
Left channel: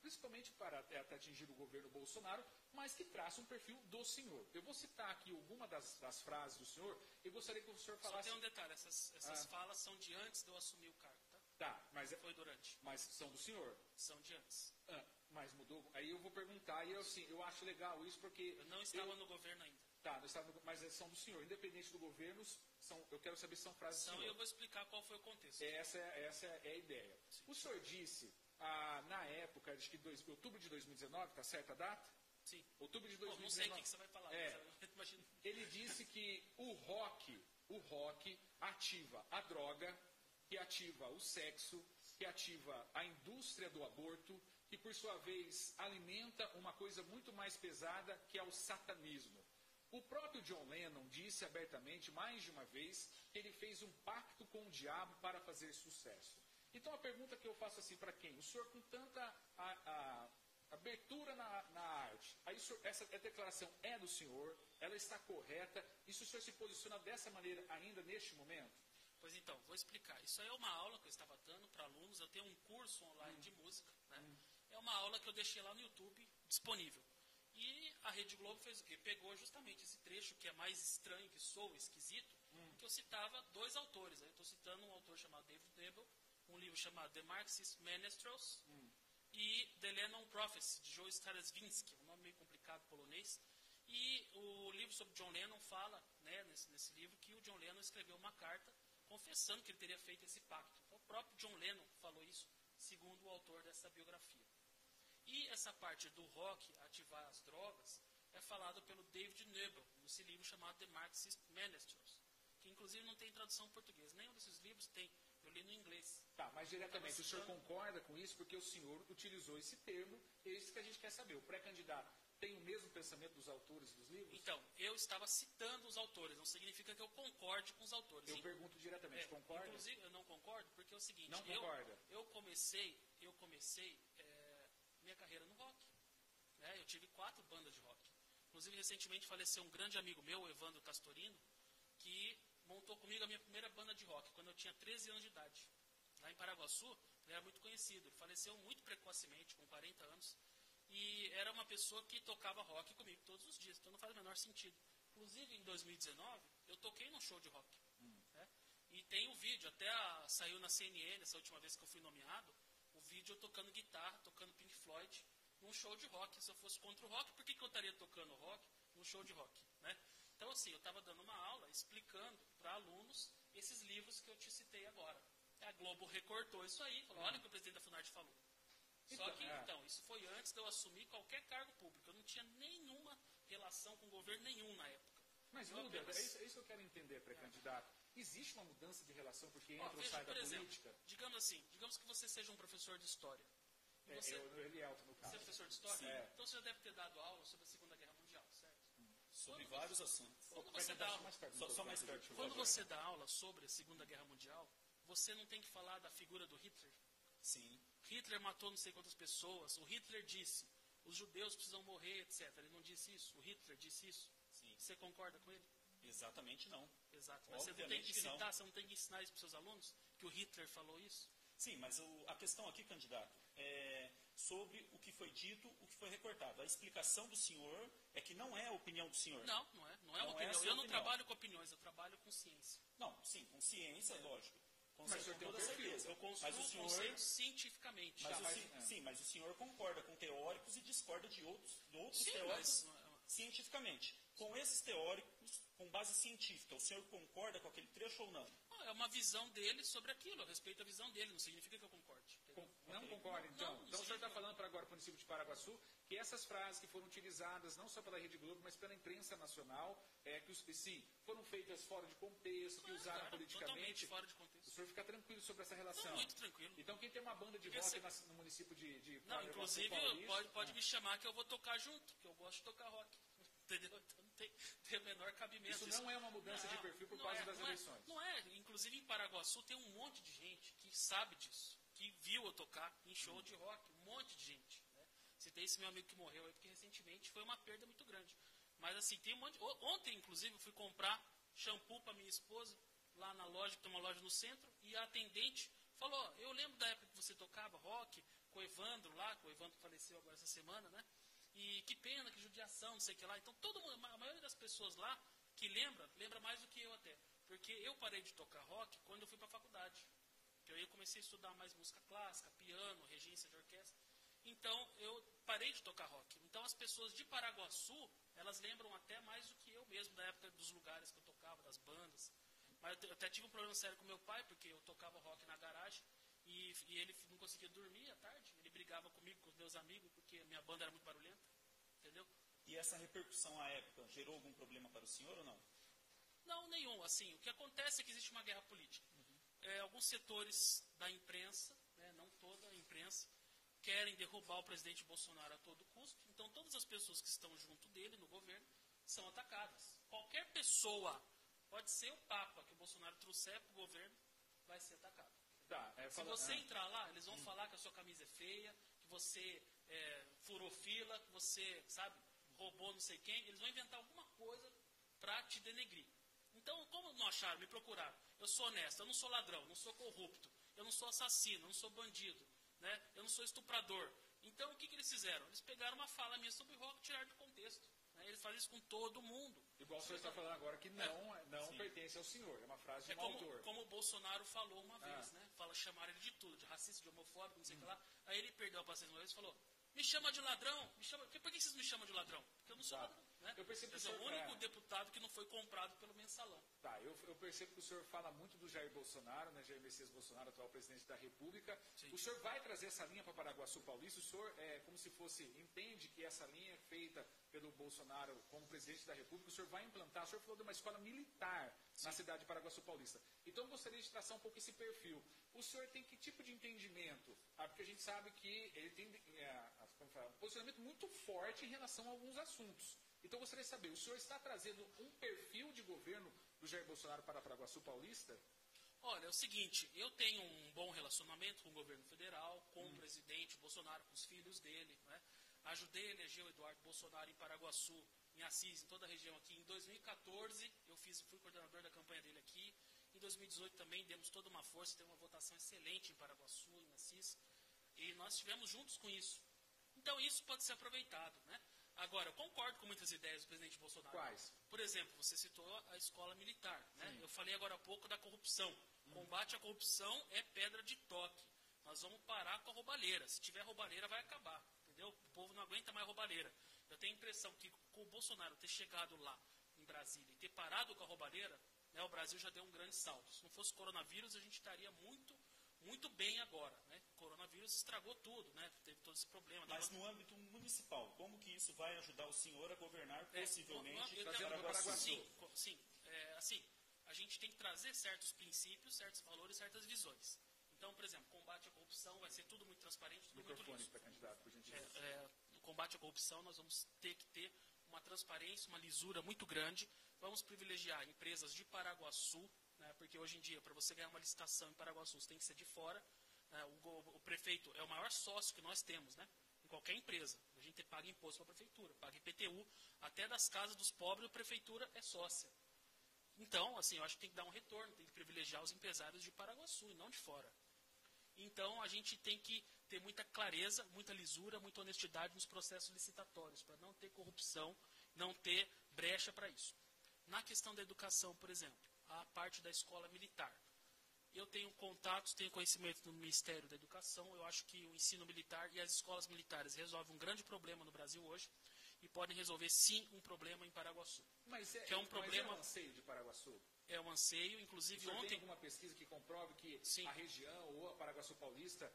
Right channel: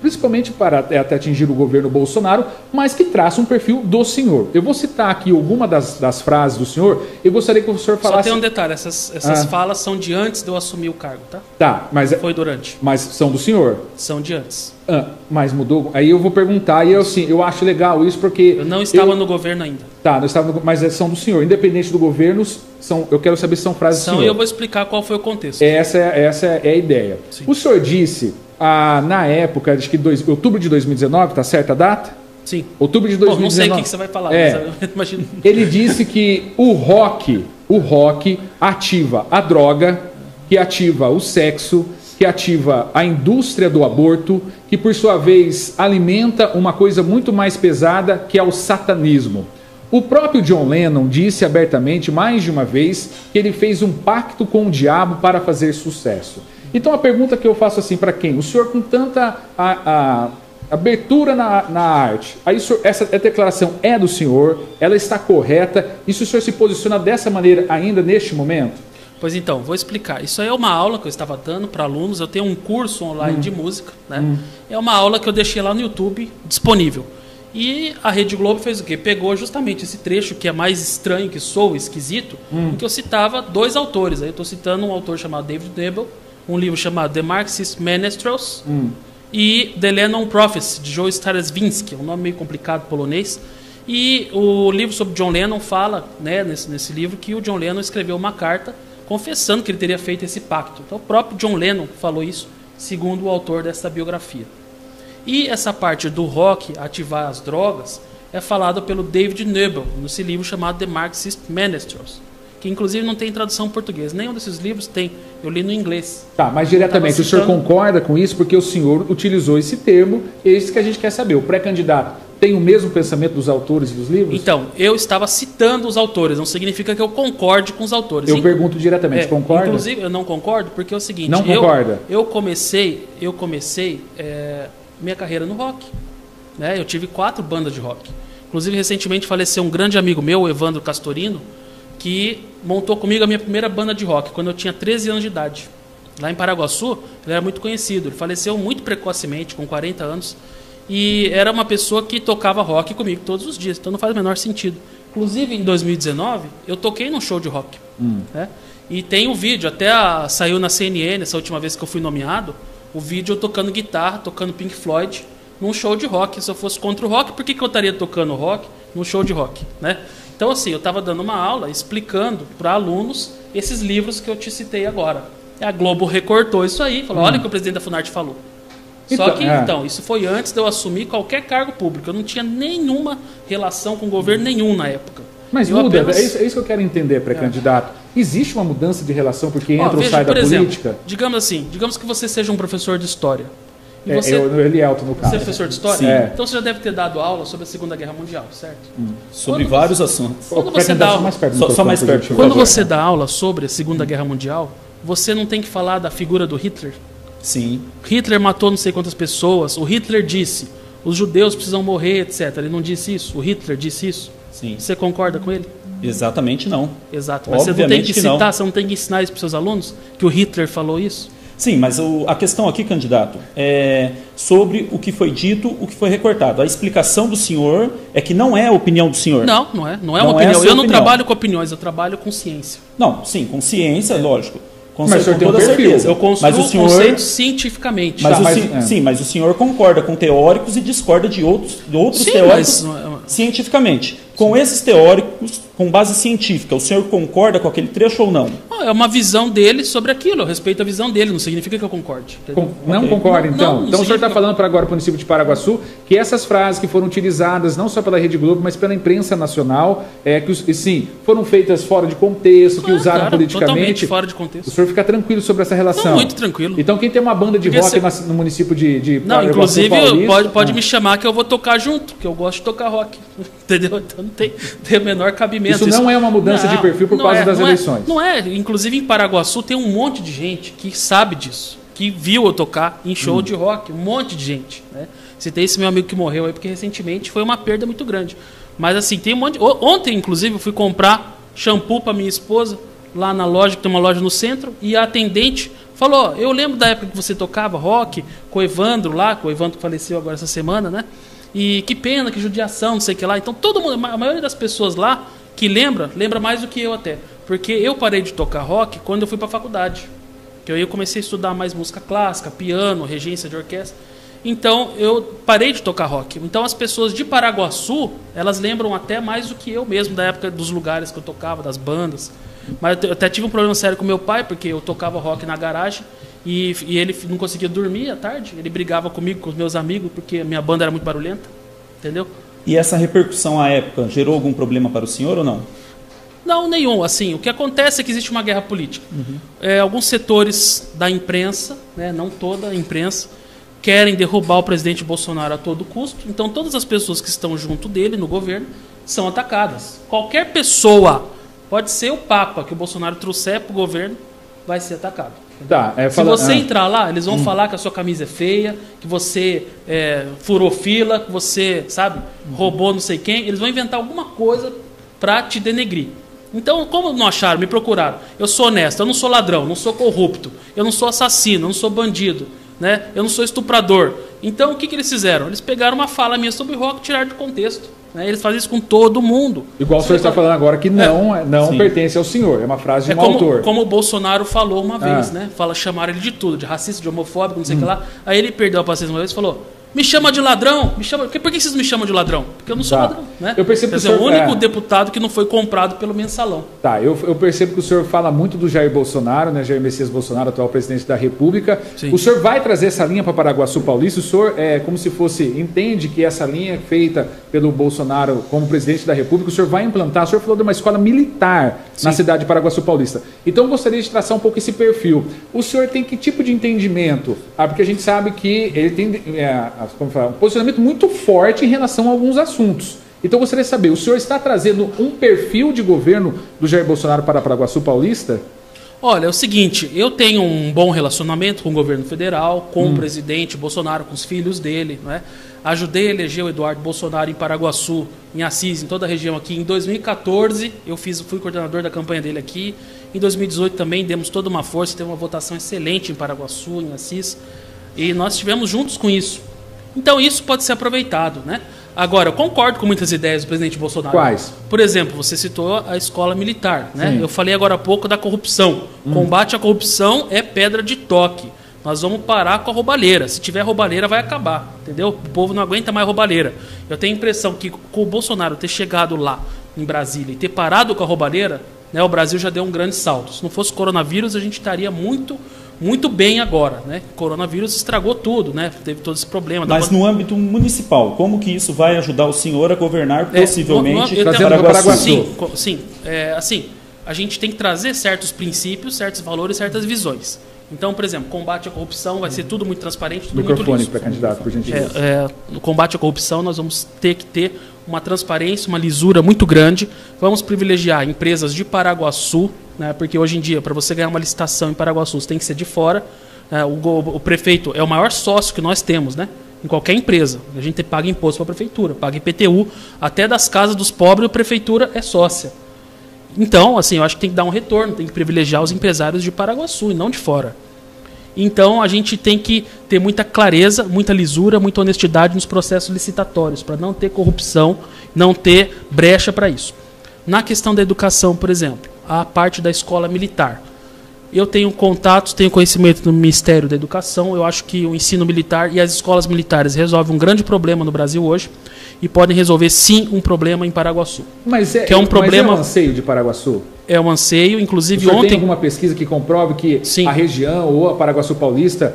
principalmente para até atingir o governo Bolsonaro, mas que traça um perfil do senhor. Eu vou citar aqui alguma das frases do senhor. Eu gostaria que o senhor falasse... Só tem um detalhe, essas falas são de antes de eu assumir o cargo, tá? Tá, mas... Foi durante. Mas são do senhor? São de antes. Mas mudou? Aí eu vou perguntar, e eu acho legal isso porque... Eu não estava no governo ainda. Tá, não estava mas são do senhor. Independente do governo, eu quero saber se são frases do senhor. E eu vou explicar qual foi o contexto. Essa é a ideia. Sim. O senhor disse, na época, acho que outubro de 2019, tá certa a data? Sim. Outubro de 2019. Bom, não sei o que você vai falar, mas eu imagino. Ele disse que o rock ativa a droga, que ativa o sexo, que ativa a indústria do aborto, que por sua vez alimenta uma coisa muito mais pesada, que é o satanismo. O próprio John Lennon disse abertamente mais de uma vez que ele fez um pacto com o diabo para fazer sucesso. Então a pergunta que eu faço assim para quem? O senhor com tanta abertura na arte, aí essa declaração é do senhor, ela está correta, e se o senhor se posiciona dessa maneira ainda neste momento? Pois então, vou explicar. Isso aí é uma aula que eu estava dando para alunos, eu tenho um curso online de música, né? É uma aula que eu deixei lá no YouTube disponível. E a Rede Globo fez o quê? Pegou justamente esse trecho que é mais estranho, que soa esquisito, em que eu citava dois autores. Aí eu estou citando um autor chamado David Nebel, um livro chamado The Marxist Menestrels, e The Lennon Prophecy, de Joe Straczynski, um nome meio complicado polonês. E o livro sobre John Lennon fala, né, nesse livro, que o John Lennon escreveu uma carta confessando que ele teria feito esse pacto. Então o próprio John Lennon falou isso, segundo o autor dessa biografia. E essa parte do rock, ativar as drogas, é falada pelo David Nebel, nesse livro chamado The Marxist Menestrels. que inclusive não tem tradução em português. Nenhum desses livros tem. Eu li no inglês. Tá, mas diretamente, o senhor concorda com isso? Porque o senhor utilizou esse termo, é isso que a gente quer saber. O pré-candidato tem o mesmo pensamento dos autores e dos livros? Então, eu estava citando os autores, não significa que eu concorde com os autores. Eu pergunto diretamente, concorda? Inclusive, eu não concordo, porque é o seguinte... Não concorda? Eu comecei minha carreira no rock. Né? Eu tive 4 bandas de rock. Inclusive, recentemente faleceu um grande amigo meu, o Evandro Castorino, que montou comigo a minha primeira banda de rock, quando eu tinha 13 anos de idade. Lá em Paraguaçu, ele era muito conhecido. Ele faleceu muito precocemente, com 40 anos. E era uma pessoa que tocava rock comigo todos os dias. Então não faz o menor sentido. Inclusive, em 2019, eu toquei num show de rock. Né? E tem um vídeo, até saiu na CNN, essa última vez que eu fui nomeado, o vídeo eu tocando guitarra, tocando Pink Floyd, num show de rock. Se eu fosse contra o rock, por que eu estaria tocando rock num show de rock? Né? Então, assim, eu estava dando uma aula explicando para alunos esses livros que eu te citei agora. A Globo recortou isso aí, falou, olha o que o presidente da Funarte falou. Só que, então, isso foi antes de eu assumir qualquer cargo público. Eu não tinha nenhuma relação com governo nenhum na época. Mas muda, é isso que eu quero entender, pré-candidato. Existe uma mudança de relação porque entra ou sai da política? Digamos que você seja um professor de história. E Elielton, no caso. Você é professor de história? Sim. Então você já deve ter dado aula sobre a Segunda Guerra Mundial, certo? Sobre vários assuntos. Quando você dá aula, só mais perto. Quando você dá aula sobre a Segunda Guerra Mundial, você não tem que falar da figura do Hitler? Sim. Hitler matou não sei quantas pessoas. O Hitler disse, os judeus precisam morrer, etc. Ele não disse isso? O Hitler disse isso? Sim. Você concorda com ele? Exatamente não. Exato. Mas você não tem que citar, você não tem que ensinar isso para os seus alunos? Que o Hitler falou isso? Sim, mas a questão aqui, candidato, é sobre o que foi dito, o que foi recortado. A explicação do senhor é que não é a opinião do senhor. Não é uma opinião. Eu não trabalho com opiniões, eu trabalho com ciência. Não, sim, com ciência, lógico. Mas o senhor tem um perfil. Eu construo conceitos cientificamente. Mas o senhor concorda com teóricos e discorda de outros teóricos cientificamente. Com esses teóricos, com base científica, o senhor concorda com aquele trecho ou não? É uma visão dele sobre aquilo. Eu respeito a visão dele, não significa que eu concorde. Não concorda, então? Então o senhor está falando para agora para o município de Paraguaçu que essas frases que foram utilizadas não só pela Rede Globo, mas pela imprensa nacional, foram feitas fora de contexto, que usaram politicamente. Totalmente fora de contexto. O senhor fica tranquilo sobre essa relação? Muito tranquilo. Então quem tem uma banda de rock no município de Paraguaçu, inclusive pode me chamar que eu vou tocar junto, que eu gosto de tocar rock. Entendeu? Então não tem o menor cabimento. Isso não é uma mudança de perfil por causa das eleições. Não é. Inclusive em Paraguaçu tem um monte de gente que sabe disso, que viu eu tocar em show de rock. Um monte de gente. Né? Citei esse meu amigo que morreu aí, porque recentemente foi uma perda muito grande. Mas assim, tem um monte. Ontem, inclusive, eu fui comprar shampoo para minha esposa, lá na loja, que tem uma loja no centro, e a atendente falou, eu lembro da época que você tocava rock com o Evandro lá, com o Evandro que faleceu agora essa semana, né? E que pena, que judiação, não sei o que lá. Então todo mundo, a maioria das pessoas lá que lembra mais do que eu até. Porque eu parei de tocar rock quando eu fui para a faculdade. Que eu comecei a estudar mais música clássica, piano, regência de orquestra. Então eu parei de tocar rock. Então as pessoas de Paraguaçu, elas lembram até mais do que eu mesmo, da época dos lugares que eu tocava, das bandas. Mas eu até tive um problema sério com meu pai, porque eu tocava rock na garagem e ele não conseguia dormir à tarde. Ele brigava comigo, com os meus amigos, porque a minha banda era muito barulhenta. Entendeu? E essa repercussão à época gerou algum problema para o senhor ou não? Não, nenhum. Assim, o que acontece é que existe uma guerra política. Alguns setores da imprensa, né, não toda a imprensa, querem derrubar o presidente Bolsonaro a todo custo. Então todas as pessoas que estão junto dele no governo são atacadas. Qualquer pessoa, pode ser o Papa que o Bolsonaro trouxer para o governo, vai ser atacado. Tá, se você entrar lá, eles vão falar que a sua camisa é feia, que você furou fila, que você, roubou não sei quem. Eles vão inventar alguma coisa para te denegrir. Então, como não acharam, me procuraram. Eu sou honesto, eu não sou ladrão, não sou corrupto, eu não sou assassino, eu não sou bandido, né? Eu não sou estuprador. Então, o que eles fizeram? Eles pegaram uma fala minha sobre rock e tiraram do contexto. Né? Eles fazem isso com todo mundo. Igual o senhor está falando agora, que não pertence ao senhor. É uma frase de um autor. Como o Bolsonaro falou uma vez, né? Chamaram ele de tudo, de racista, de homofóbico, não sei o que lá. Aí ele perdeu a paciência uma vez e falou, Me chama de ladrão? Por que vocês me chamam de ladrão? Porque eu não sou ladrão, né? Eu percebo que o único deputado que não foi comprado pelo mensalão. Tá, eu percebo que o senhor fala muito do Jair Bolsonaro, né? Jair Messias Bolsonaro, atual presidente da República. Sim. O senhor vai trazer essa linha para Paraguaçu Paulista? O senhor, como se fosse, entende que essa linha feita pelo Bolsonaro como presidente da República, o senhor vai implantar? O senhor falou de uma escola militar na cidade de Paraguaçu Paulista. Então, eu gostaria de traçar um pouco esse perfil. O senhor tem que tipo de entendimento? Porque a gente sabe que ele tem um posicionamento muito forte em relação a alguns assuntos. Então, eu gostaria de saber, o senhor está trazendo um perfil de governo do Jair Bolsonaro para Paraguaçu Paulista? Olha, é o seguinte, eu tenho um bom relacionamento com o governo federal, com o presidente Bolsonaro, com os filhos dele, né? Ajudei a eleger o Eduardo Bolsonaro em Paraguaçu, em Assis, em toda a região aqui. Em 2014, fui coordenador da campanha dele aqui. Em 2018 também demos toda uma força, teve uma votação excelente em Paraguaçu, em Assis. E nós estivemos juntos com isso. Então, isso pode ser aproveitado, né? Agora, eu concordo com muitas ideias do presidente Bolsonaro. Quais? Por exemplo, você citou a escola militar, né? Eu falei agora há pouco da corrupção. Combate à corrupção é pedra de toque. Nós vamos parar com a roubalheira. Se tiver roubalheira, vai acabar, entendeu? O povo não aguenta mais roubalheira. Eu tenho a impressão que com o Bolsonaro ter chegado lá, em Brasília, e ter parado com a roubalheira, né, o Brasil já deu um grande salto. Se não fosse coronavírus, a gente estaria muito bem agora, né? O coronavírus estragou tudo, né? Teve todo esse problema. Mas no âmbito municipal, como que isso vai ajudar o senhor a governar possivelmente Paraguaçu? Sim, assim, a gente tem que trazer certos princípios, certos valores, certas visões. Então, por exemplo, combate à corrupção vai ser tudo muito transparente, tudo muito liso. Microfone para candidato, por gentileza. No combate à corrupção, nós vamos ter que ter uma transparência, uma lisura muito grande. Vamos privilegiar empresas de Paraguaçu, né, porque hoje em dia, para você ganhar uma licitação em Paraguaçu, você tem que ser de fora. O prefeito é o maior sócio que nós temos, né? Em qualquer empresa. A gente paga imposto para a prefeitura, paga IPTU. Até das casas dos pobres, a prefeitura é sócia. Então, assim, eu acho que tem que dar um retorno, tem que privilegiar os empresários de Paraguaçu e não de fora. Então, a gente tem que ter muita clareza, muita lisura, muita honestidade nos processos licitatórios, para não ter corrupção, não ter brecha para isso. Na questão da educação, por exemplo, a parte da escola militar. Eu tenho contatos, tenho conhecimento do Ministério da Educação, eu acho que o ensino militar e as escolas militares resolvem um grande problema no Brasil hoje, e podem resolver, sim, um problema em Paraguaçu. Mas é um anseio de Paraguaçu? É um anseio, inclusive ontem... tem alguma pesquisa que comprove que sim, a região ou a Paraguaçu Paulista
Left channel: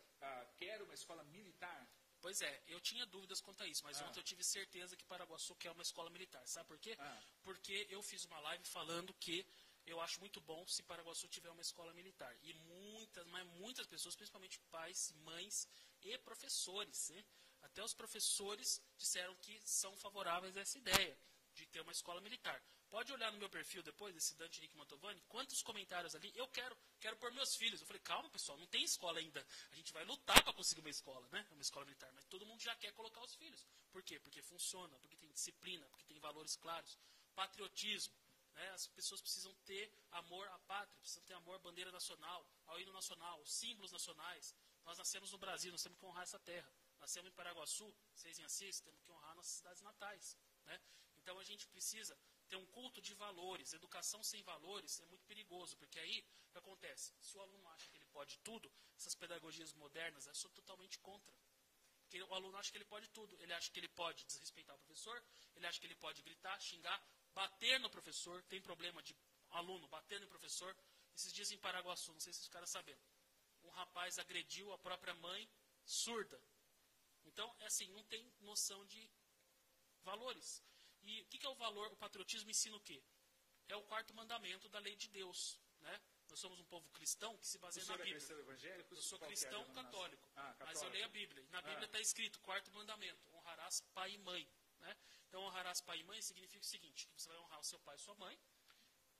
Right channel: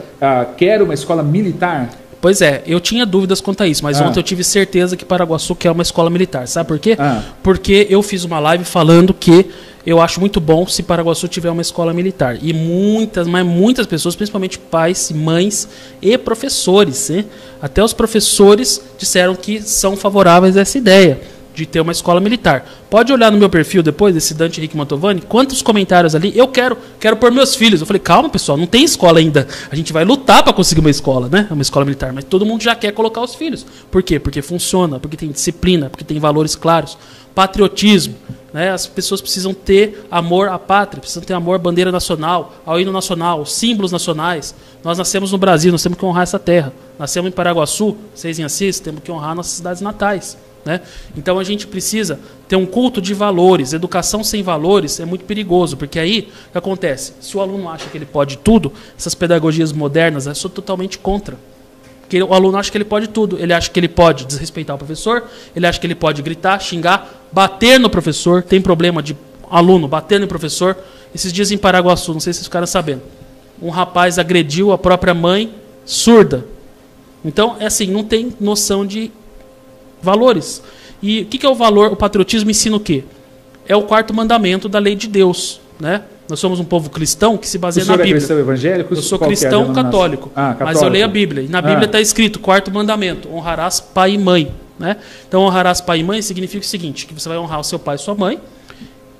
quer uma escola militar? Pois é, eu tinha dúvidas quanto a isso, mas ontem eu tive certeza que Paraguaçu quer uma escola militar. Sabe por quê? Porque eu fiz uma live falando que eu acho muito bom se Paraguaçu tiver uma escola militar. E muitas pessoas, principalmente pais, mães e professores, né? Até os professores disseram que são favoráveis a essa ideia de ter uma escola militar. Pode olhar no meu perfil depois, desse Dante Henrique Mantovani, quantos comentários ali, eu quero pôr meus filhos. Eu falei, calma pessoal, não tem escola ainda. A gente vai lutar para conseguir uma escola, né? Uma escola militar, mas todo mundo já quer colocar os filhos. Por quê? Porque funciona, porque tem disciplina, porque tem valores claros. Patriotismo, né? As pessoas precisam ter amor à pátria, precisam ter amor à bandeira nacional, ao hino nacional, aos símbolos nacionais. Nós nascemos no Brasil, nós temos que honrar essa terra. Nascemos em Paraguaçu, vocês em Assis, temos que honrar nossas cidades natais. Né? Então a gente precisa ter um culto de valores. Educação sem valores é muito perigoso, porque aí o que acontece? Se o aluno acha que ele pode tudo, essas pedagogias modernas, eu sou totalmente contra. Porque o aluno acha que ele pode tudo. Ele acha que ele pode desrespeitar o professor, ele acha que ele pode gritar, xingar, bater no professor. Tem problema de aluno bater no professor. Esses dias em Paraguaçu, não sei se vocês ficaram sabendo, um rapaz agrediu a própria mãe surda. Então, é assim, não tem noção de valores. E o que é o valor? O patriotismo ensina o quê? É o 4º mandamento da lei de Deus, né? Nós somos um povo cristão que se baseia na Bíblia. Cristão evangélico? Eu sou cristão católico, mas eu leio a Bíblia. E na Bíblia está escrito, 4º mandamento, honrarás pai e mãe. Né? Então, honrarás pai e mãe significa o seguinte, que você vai honrar o seu pai e sua mãe,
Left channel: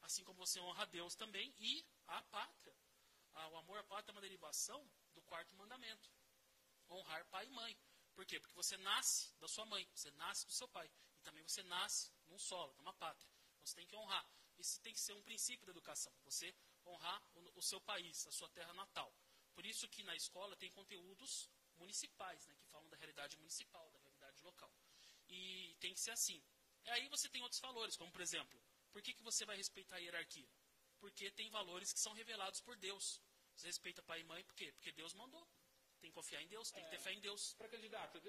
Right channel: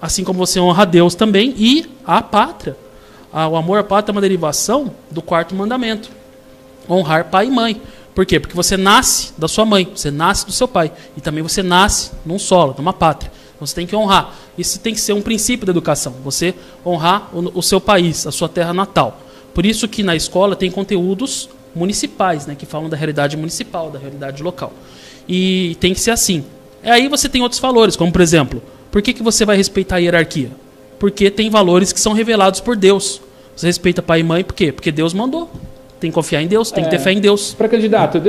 assim como você honra a Deus também, e a pátria. O amor à pátria é uma derivação do 4º mandamento. Honrar pai e mãe. Por quê? Porque você nasce da sua mãe, você nasce do seu pai. E também você nasce num solo, numa pátria. Então você tem que honrar. Isso tem que ser um princípio da educação. Você honrar o seu país, a sua terra natal. Por isso que na escola tem conteúdos municipais, né, que falam da realidade municipal, da realidade local. E tem que ser assim. E aí você tem outros valores, como por exemplo, por que você vai respeitar a hierarquia? Porque tem valores que são revelados por Deus. Você respeita pai e mãe, por quê? Porque Deus mandou. Tem que confiar em Deus, tem que ter fé em Deus. Pré-candidato,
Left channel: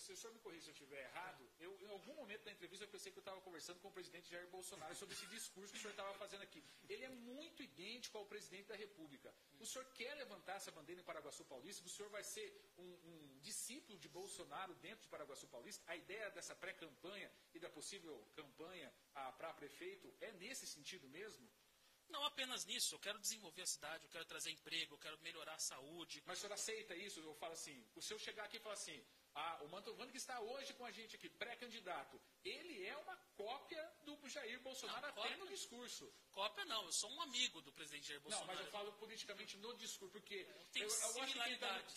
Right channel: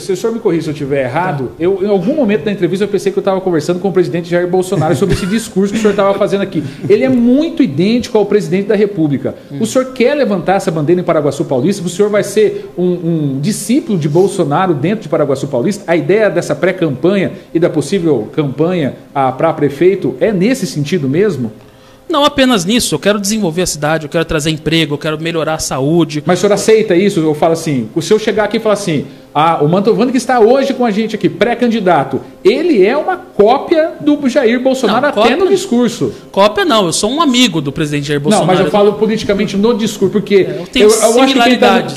se o senhor me corrija se eu estiver errado, em algum momento da entrevista eu pensei que eu estava conversando com o presidente Jair Bolsonaro sobre esse discurso que o senhor estava fazendo aqui. Ele é muito idêntico ao presidente da República. O senhor quer levantar essa bandeira em Paraguaçu Paulista? O senhor vai ser um discípulo de Bolsonaro dentro de Paraguaçu Paulista? A ideia dessa pré-campanha e da possível campanha para prefeito é nesse sentido mesmo? Não apenas nisso, eu quero desenvolver a cidade, eu quero trazer emprego, eu quero melhorar a saúde. Mas o senhor aceita isso? Eu falo assim, se eu chegar aqui e falar assim, o Mantovani que está hoje com a gente aqui, pré-candidato, ele é uma cópia do Jair Bolsonaro até no discurso. Cópia não, eu sou um amigo do presidente Jair Bolsonaro. Não, mas eu falo politicamente no discurso, porque eu tenho similaridades.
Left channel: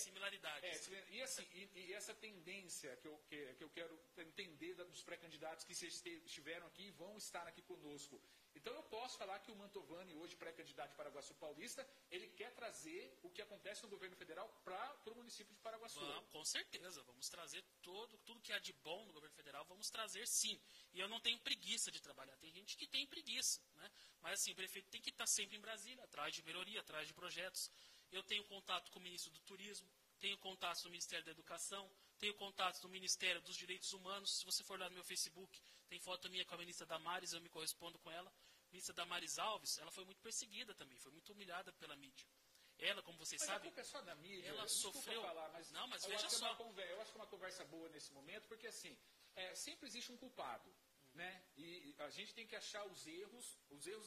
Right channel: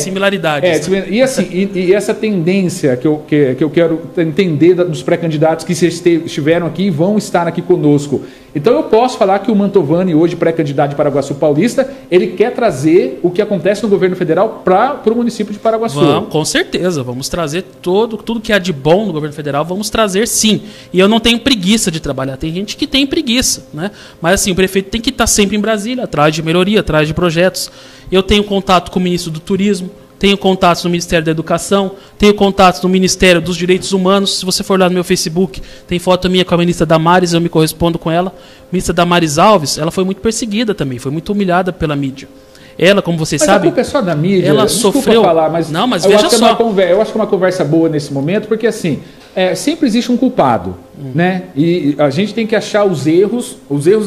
Similaridades. E assim, e essa tendência que eu quero entender dos pré-candidatos que estiveram aqui e vão estar aqui conosco. Então eu posso falar que o Mantovani, hoje pré-candidato de Paraguaçu Paulista, ele quer trazer o que acontece no governo federal para o município de Paraguaçu. Vamos, com certeza, vamos trazer tudo que há de bom no governo federal, vamos trazer sim. E eu não tenho preguiça de trabalhar, tem gente que tem preguiça, né? Mas assim, o prefeito tem que estar sempre em Brasília, atrás de melhoria, atrás de projetos. Eu tenho contato com o ministro do Turismo, tenho contatos no Ministério da Educação, tenho contatos no Ministério dos Direitos Humanos. Se você for lá no meu Facebook, tem foto minha com a ministra Damares, eu me correspondo com ela. A ministra Damares Alves, ela foi muito perseguida também, foi muito humilhada pela mídia. Ela, como vocês sabem... Mas a culpa é só da mídia. Ela sofreu... falar, mas não, mas veja só. Eu acho que é uma conversa boa nesse momento, porque assim, sempre existe um culpado, né? E a gente tem que achar os erros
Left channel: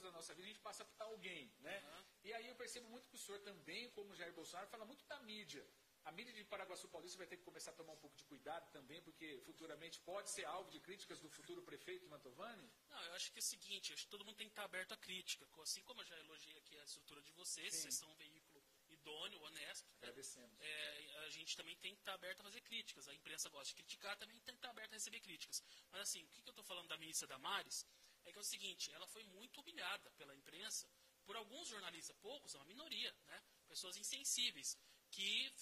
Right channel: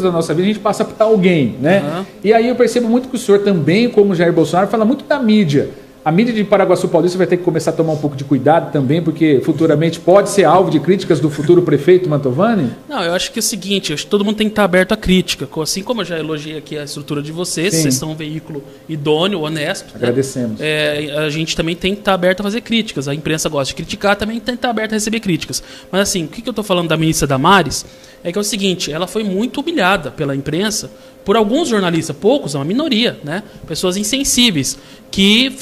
da nossa vida, a gente passa para alguém, né? E aí eu percebo muito que o senhor também, como Jair Bolsonaro, fala muito da mídia. A mídia de Paraguaçu Paulista vai ter que começar a tomar um pouco de cuidado também, porque futuramente pode ser alvo de críticas do futuro prefeito Mantovani? Não, eu acho que é o seguinte, acho que todo mundo tem que estar aberto à crítica. Assim como eu já elogiei aqui a estrutura de vocês, vocês são um veículo idôneo, honesto. Agradecemos. Né? A gente também tem que estar aberto a fazer críticas. A imprensa gosta de criticar, também tem que estar aberto a receber críticas. Mas assim, o que eu estou falando da ministra Damares é que é o seguinte, ela foi muito humilhada pela imprensa por alguns jornalistas, poucos, é uma minoria, né? Pessoas insensíveis, que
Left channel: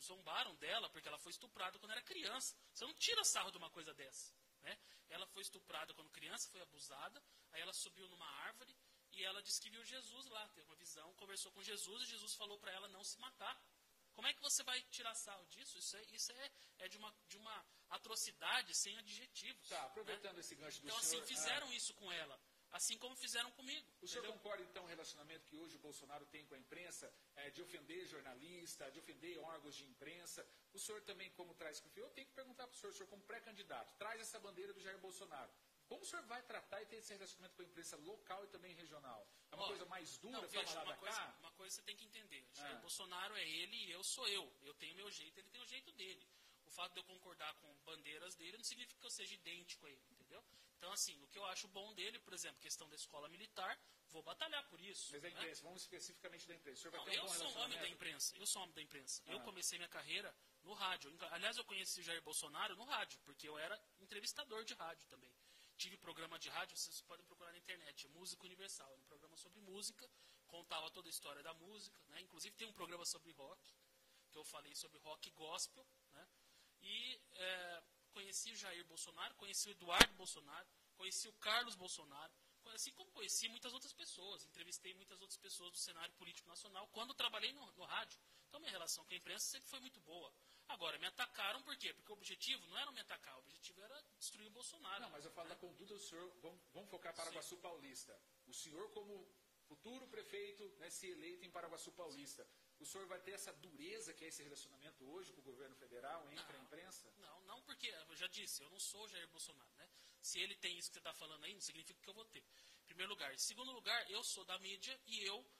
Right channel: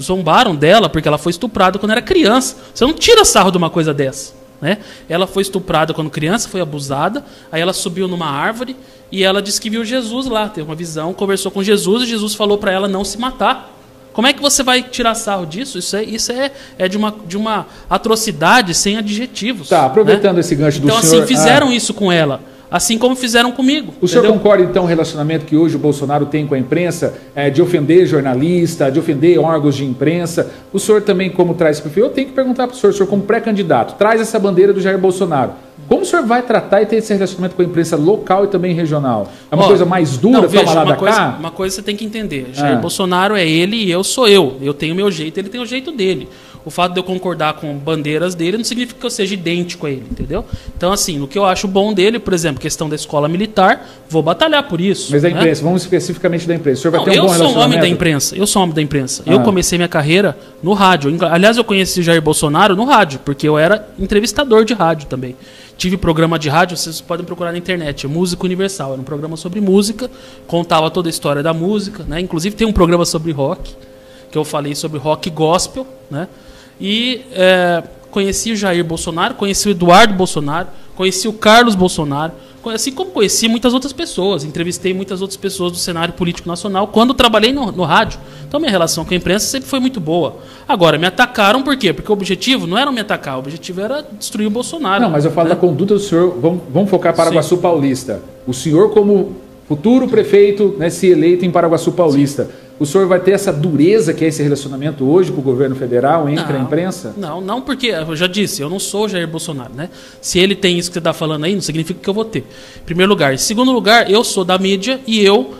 zombaram dela porque ela foi estuprada quando era criança. Você não tira sarro de uma coisa dessa, né? Ela foi estuprada quando criança, foi abusada, aí ela subiu numa árvore e ela disse que viu Jesus lá, teve uma visão, conversou com Jesus e Jesus falou para ela não se matar. Como é que você vai tirar sarro disso? Isso é de uma atrocidade sem adjetivos. Tá, aproveitando, né, esse gancho do senhor... Então, assim, fizeram isso com ela. Assim como fizeram comigo. O senhor concorda, então, com o relacionamento que hoje o Bolsonaro tem com a imprensa, de ofender jornalista, de ofender órgãos de imprensa? O senhor também, como traz esse perfil, eu tenho que perguntar para o senhor como pré-candidato, traz essa bandeira do Jair Bolsonaro. Como o senhor vai tratar e ter esse relacionamento com a imprensa local e também regional? É uma coisa mais dura, toma lá da cá? Uma coisa você tem que entender. Jair Bolsonaro é ele e eu sou eu. Eu tenho o meu jeito, ele tem o jeito dele. O fato de eu concordar com bandeiras dele não significa que eu seja idêntico a ele, entendeu? Então, assim, o que eu acho bom dele, por exemplo, questão da escola militar, vou batalhar por isso. Mas da imprensa, vamos especificamente da imprensa. O senhor vai ter um bom Eu relacionamento? sou um homem da imprensa. Eu comecei minha carreira no rádio. Aliás, eu conheci o Jair Bolsonaro no rádio, porque eu era entrevistador de rádio também. Tive programa de rádio, vocês podem procurar na internet, Música Universal. Era um programa sobre música, contava toda a história da música, né? Inclusive tem um programa sobre rock, que eu falei sobre rock gospel, né? E conheci o Jair Bolsonaro, conheci o Eduardo Bolsonaro, conheci o Carlos Bolsonaro, assim como conheci muitas outras pessoas, entrevistei muitas outras pessoas do cenário político nacional quando trabalhei no rádio. Então minha relação com a imprensa sempre foi muito boa. Agora, me atacaram por quê? Porque o objetivo não era me atacar, o objetivo era destruir o Bolsonaro. Não, mas eu falo da conduta do senhor, vamos focar Paraguaçu Paulista. O senhor como futuro prefeito, né, se eleito em Paraguaçu Paulista, sim, o senhor vai ter essa dureza que é esse relacionamento hoje com o governo federal entre a imprensa? Não, porque eu já disse, eu não sou o Jair Bolsonaro, né? Se ele tem isso que você está falando aí, não significa que eu vou ter. Em primeiro lugar. Em segundo lugar, eu sou da mídia e eu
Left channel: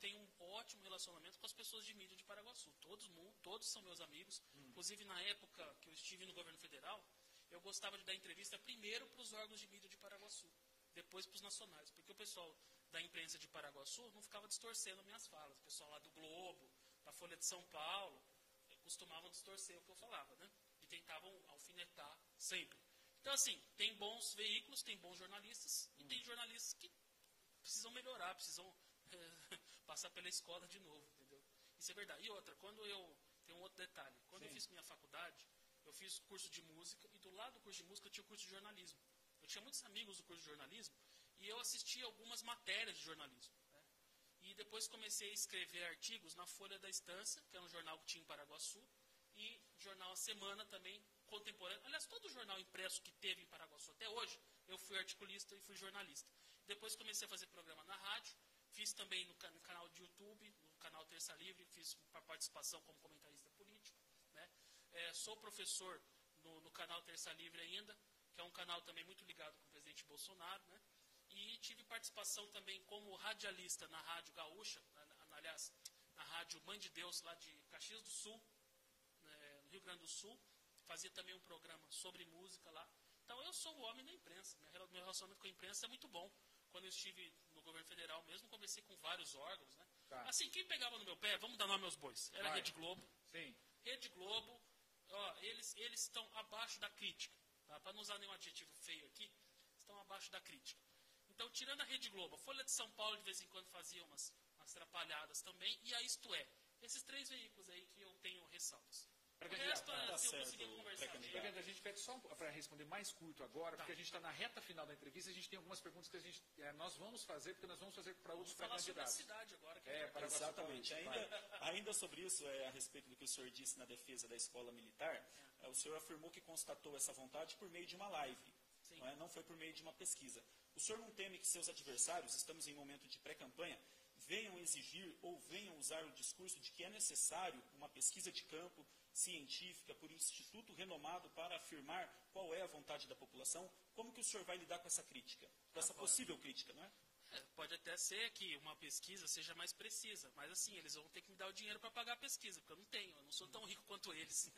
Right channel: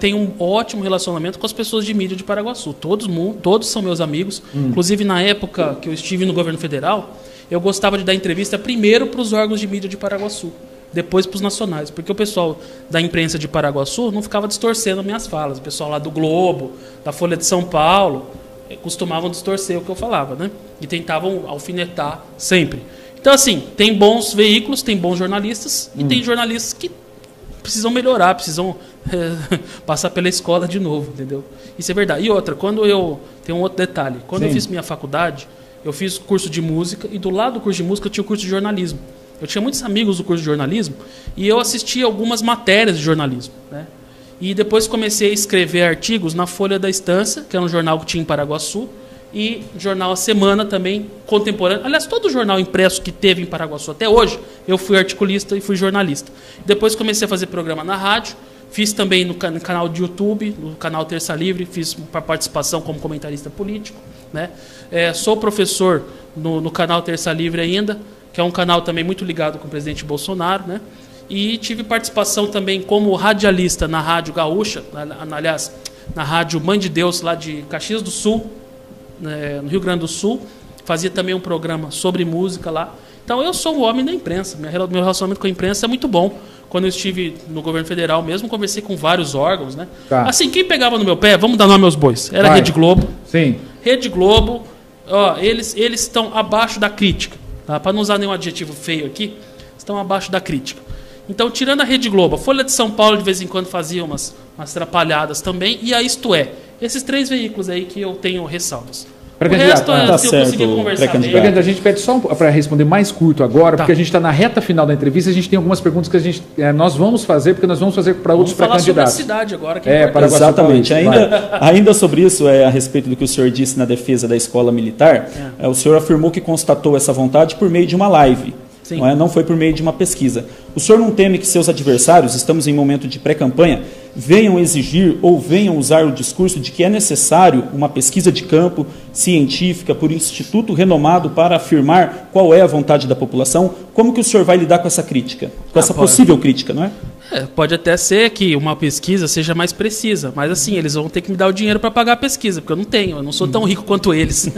tenho um ótimo relacionamento com as pessoas de mídia de Paraguaçu. Todos são meus amigos. Inclusive, na época que eu estive no governo federal, eu gostava de dar entrevista primeiro para os órgãos de mídia de Paraguaçu, depois para os nacionais, porque o pessoal da imprensa de Paraguaçu não ficava distorcendo minhas falas. O pessoal lá do Globo, da Folha de São Paulo, costumavam distorcer o que eu falava, né? E tentavam alfinetar sempre. Então, assim, tem bons veículos, tem bons jornalistas, e tem jornalistas que precisam melhorar, precisam passar pela escola de novo, entendeu? Isso é verdade. E outra, tem um outro detalhe. Quando eu fiz minha faculdade, eu fiz curso de música, e do lado do curso de música eu tinha o curso de jornalismo. Eu tinha muitos amigos do curso de jornalismo e eu assistia algumas matérias de jornalismo, né? E depois comecei a escrever artigos na Folha da Estância, que é um jornal que tinha em Paraguaçu, e jornal A Semana também, contemporâneo. Aliás, todo jornal impresso que teve em Paraguaçu até hoje, eu fui articulista e fui jornalista. Depois comecei a fazer programa na rádio, fiz também no canal de YouTube, no canal Terça Livre, fiz participação como comentarista político, né? Sou professor no canal Terça Livre ainda, que é um canal também muito ligado com o presidente Bolsonaro, né? E tive participação também como radialista na Rádio Gaúcha, aliás, na Rádio Mãe de Deus, lá de Caxias do Sul, no Rio Grande do Sul. Fazia também um programa sobre música lá. Então, eu sou o homem da imprensa. Meu relacionamento com a imprensa é muito bom. Quando eu estive no governo federal mesmo, conversei com vários órgãos, né? Tá. Assim, quem pegava no meu pé, vamos dar nome aos bois, era a Rede Globo. Sim. Rede Globo, eles estão abaixo da crítica. Tá? Para não usar nenhum adjetivo feio aqui, estão abaixo da crítica. Então, tirando a Rede Globo, a Folha de São Paulo de vez em quando fazia umas atrapalhadas também, e a Isto É. Esses 3 veículos aí que eu tenho ressalvas. O resto, tá se eu certo, conseguir conversar bem. A gente pede só para responder mais curto agora, porque a gente está na reta final da entrevista, a gente tem algumas perguntas que nós vamos fazer, porque nós vamos fazer para outros pré-candidatos. Sobre a cidade agora, que é importante. Exatamente. Ainda sobre isso, a respeito do que o senhor disse na defesa da escola militar, o senhor afirmou que constatou essa vontade por meio de uma live. Não foi por meio de uma pesquisa. O senhor não teme que seus adversários, estamos em momento de pré-campanha, venham exigir ou venham usar o discurso de que é necessário uma pesquisa de campo científica por instituto renomado para afirmar qual é a vontade da população? Como que o senhor vai lidar com essa crítica? Com essa possível crítica, não é? Pode até ser que uma pesquisa seja mais precisa, mas assim, eles vão ter que me dar o dinheiro para pagar a pesquisa, porque eu não tenho, eu não sou tão rico quanto eles.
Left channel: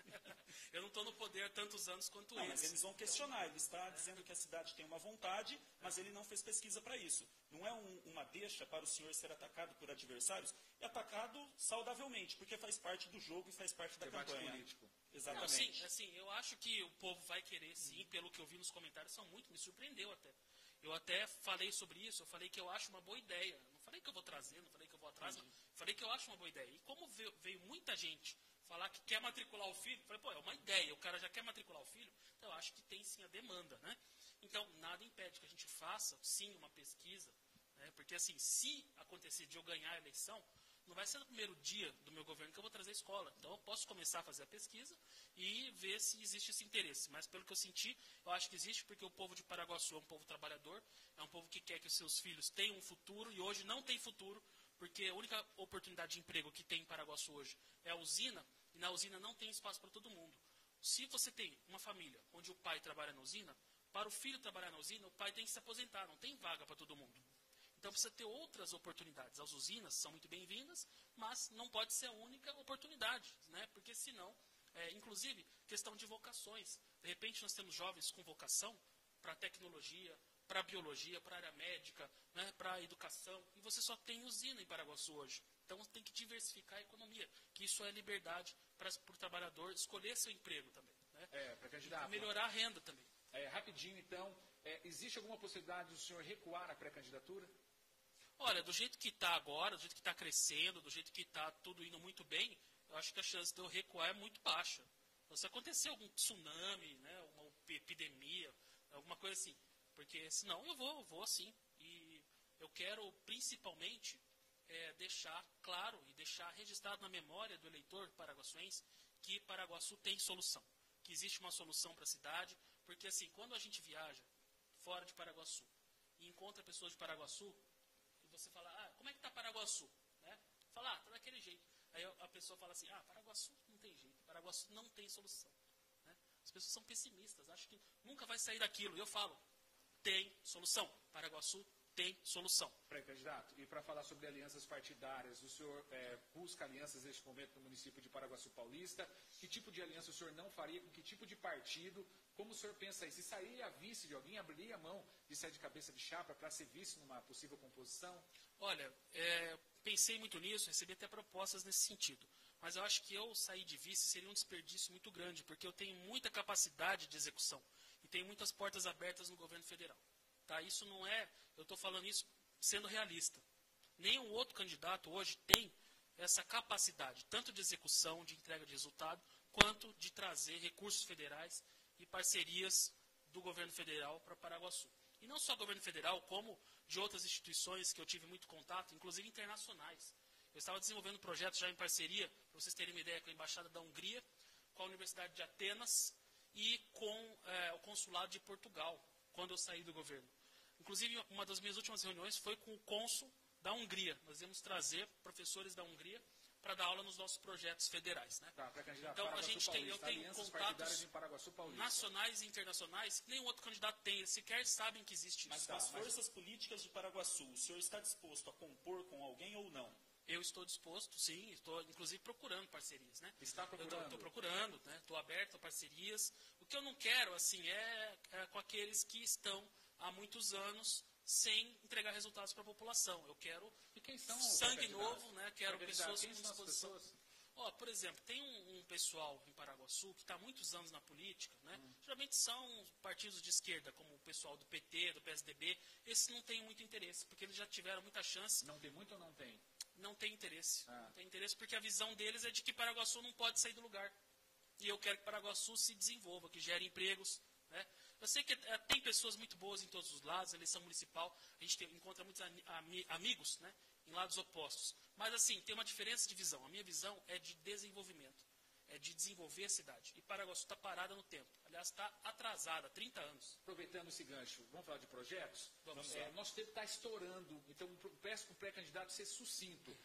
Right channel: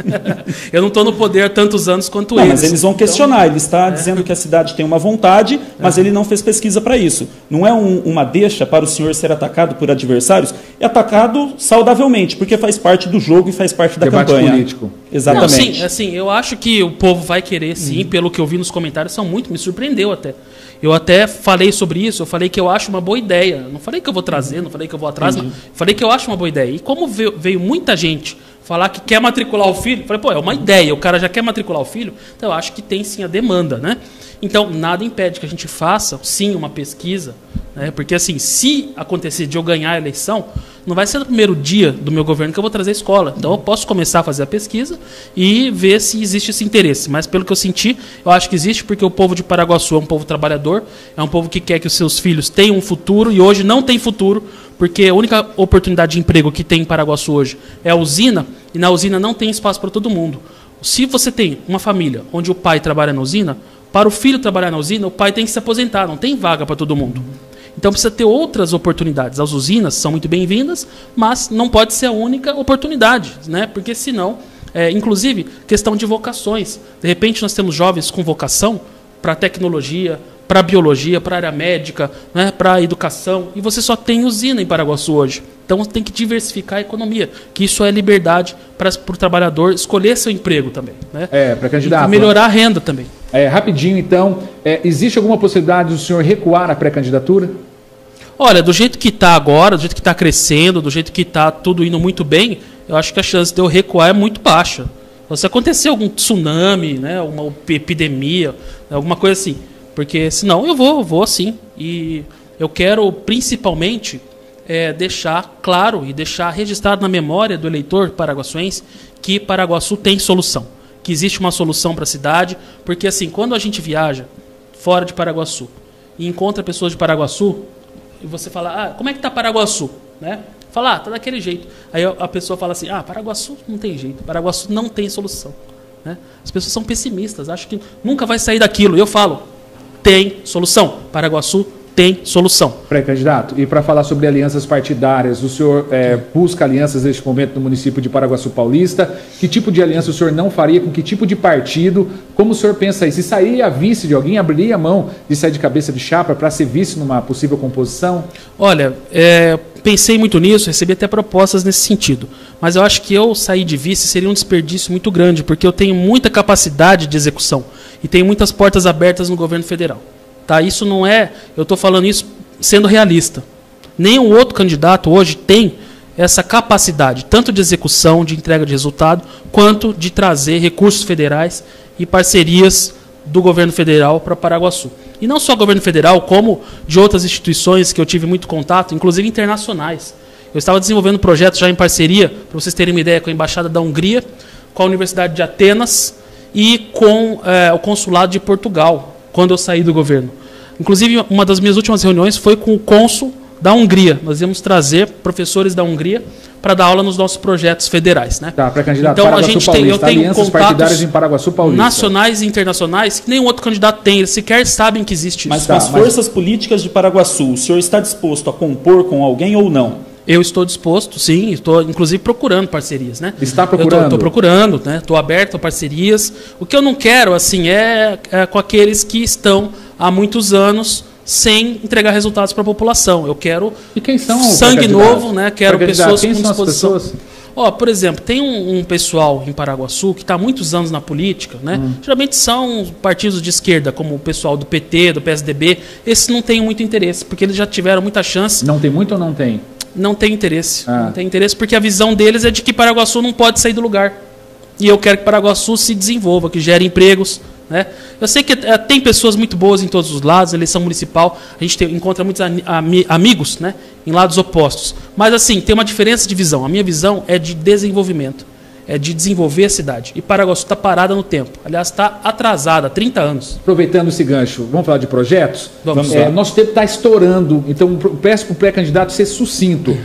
Eu não estou no poder há tantos anos quanto eles. Mas eles vão questionar, ele está dizendo que a cidade tem uma vontade, mas ele não fez pesquisa para isso. Não é uma deixa para o senhor ser atacado por adversários? É atacado saudavelmente, porque faz parte do jogo e faz parte da campanha. Político. Exatamente. Não, sim, eu acho que o povo vai querer, sim, pelo que eu vi nos comentários, me surpreendeu até. Eu até falei sobre isso, eu falei que eu acho uma boa ideia. Não falei que eu vou trazer, não falei que eu vou atrás, não. Falei que eu acho uma boa ideia. E como veio muita gente falar que quer matricular o filho, eu falei, é uma ideia, o cara já quer matricular o filho, então eu acho que tem sim a demanda, né? Então, nada impede que a gente faça, sim, uma pesquisa, né? Porque, assim, se acontecer de eu ganhar a eleição, não vai ser no primeiro dia do meu governo que eu vou trazer a escola. Então, eu posso começar a fazer a pesquisa e ver se existe esse interesse. Mas, pelo que eu senti, eu acho que existe, porque o povo de Paraguaçu é um povo trabalhador, é um povo que quer que os seus filhos tenham um futuro, e hoje não tem futuro, porque a única oportunidade de emprego que tem em Paraguaçu hoje é a usina, e na usina não tem espaço para todo mundo. Se você tem uma família onde o pai trabalha na usina, para o filho trabalhar na usina, o pai tem que se aposentar, não tem vaga para todo mundo. Então precisa ter outras oportunidades. As usinas são muito bem-vindas, mas não pode ser a única oportunidade, né? Porque senão, inclusive, questão de vocações. De repente nós temos jovens com vocação para tecnologia, para biologia, para área médica, né? Para educação, e você só tem usina em Paraguaçu hoje. Então tem que diversificar a economia, que isso é liberdade para o trabalhador escolher seu emprego também, né? Para candidato. E melhorar a renda também. Rapidinho, então, existe alguma possibilidade do senhor recuar a pré-candidatura? Olha, do jeito que está agora, do jeito que está crescendo, do jeito que está tudo indo muito bem, eu acho que a chance de eu recuar é muito baixa. Então, se acontecer algum tsunami, né, uma epidemia, alguma coisa assim, porque senão eu vou sim. E eu quero principalmente deixar claro e deixar registrado na memória do eleitor paraguaçuense que Paraguaçu tem solução, que existe uma solução para a cidade, porque assim, quando a gente viaja fora de Paraguaçu e encontra pessoas de Paraguaçu, e você fala, como é que está Paraguaçu? Né? Fala, tá daquele jeito. Aí a pessoa fala assim, Paraguaçu não tem jeito, Paraguaçu não tem solução. Né? As pessoas são pessimistas, acham que nunca vai sair daquilo. E eu falo, tem solução. Paraguaçu tem solução. Pré-candidato, e para falar sobre alianças partidárias, o senhor busca alianças neste momento no município de Paraguaçu Paulista? Que tipo de aliança o senhor não faria? Com que tipo de partido? Como o senhor pensa aí? Se sair a vice de alguém, abriria a mão de sair de cabeça de chapa para ser vice numa possível composição? Olha, pensei muito nisso, recebi até propostas nesse sentido. Mas eu acho que eu sair de vice seria um desperdício muito grande, porque eu tenho muita capacidade de execução e tenho muitas portas abertas no governo federal. Tá? Isso não eu estou falando isso sendo realista. Nenhum outro candidato hoje tem essa capacidade, tanto de execução, de entrega de resultado, quanto de trazer recursos federais e parcerias do governo federal para Paraguaçu. E não só governo federal, como de outras instituições que eu tive muito contato, inclusive internacionais. Eu estava desenvolvendo projetos já em parceria, para vocês terem uma ideia, com a Embaixada da Hungria, com a Universidade de Atenas e com o Consulado de Portugal, quando eu saí do governo. Inclusive, uma das minhas últimas reuniões foi com o cônsul da Hungria. Nós íamos trazer professores da Hungria para dar aula nos nossos projetos federais, né? Tá, para candidato então, Paraguaçu a gente Paulista, eu tenho contatos em Paraguaçu Paulista, nacionais e internacionais que nenhum outro candidato tem. Eles sequer sabem que existe isso. Mas com as forças políticas de Paraguaçu, o senhor está disposto a compor com alguém ou não? Eu estou disposto, sim, estou inclusive procurando parcerias, né? Está procurando? Estou procurando, né? Estou aberto a parcerias. O que eu não quero, assim, é com aqueles que estão há muitos anos sem entregar resultados para a população. Eu quero sangue novo, né? Quero pessoas com disposição. Por exemplo, tem um pessoal em Paraguaçu que está há muitos anos na política, né? Geralmente são partidos de esquerda, como o pessoal do PT, do PSDB. Esses não têm muito interesse, porque eles já tiveram muita chance. Não tem muito ou não tem? Não tem interesse. Não tem interesse porque a visão deles é de que Paraguaçu não pode sair do lugar. E eu quero que Paraguaçu se desenvolva, que gere empregos, né? Eu sei que tem pessoas muito boas em todos os lados, eleição municipal, a gente encontra muitos amigos, né, em lados opostos. Mas, assim, tem uma diferença de visão. A minha visão é de desenvolvimento, é de desenvolver a cidade. E Paraguaçu está parada no tempo. Aliás, está atrasada há 30 anos. Aproveitando esse gancho, vamos falar de projetos? Vamos. Nosso tempo está estourando, então peço para o pré-candidato ser sucinto.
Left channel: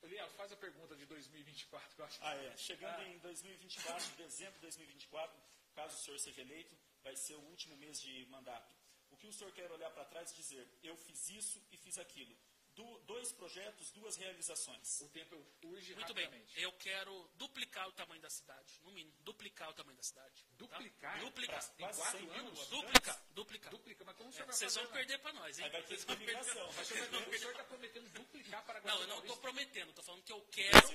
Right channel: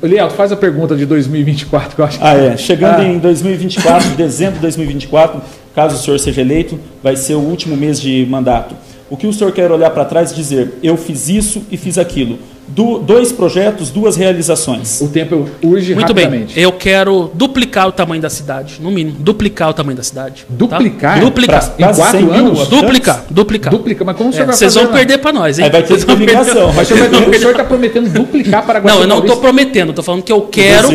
Léo, faz a pergunta de 2024, que eu acho que... Chegando em 2024, dezembro de 2024, caso o senhor seja eleito, vai ser o último mês de mandato. O que o senhor quer olhar para trás e dizer, eu fiz isso e fiz aquilo? 2 projetos, 2 realizações. O tempo urge muito rapidamente. Bem, eu quero duplicar o tamanho da cidade, no mínimo. Duplicar o tamanho da cidade. Duplicar? Tá? Duplicar. Em 4 anos? Duplicar. Mas como o senhor vai fazer? Vocês vão perder para nós, hein? Aí vai ter ligação. Mas o senhor está prometendo duplicar Paraguaçu? Não, eu não estou prometendo. Estou falando que eu quero,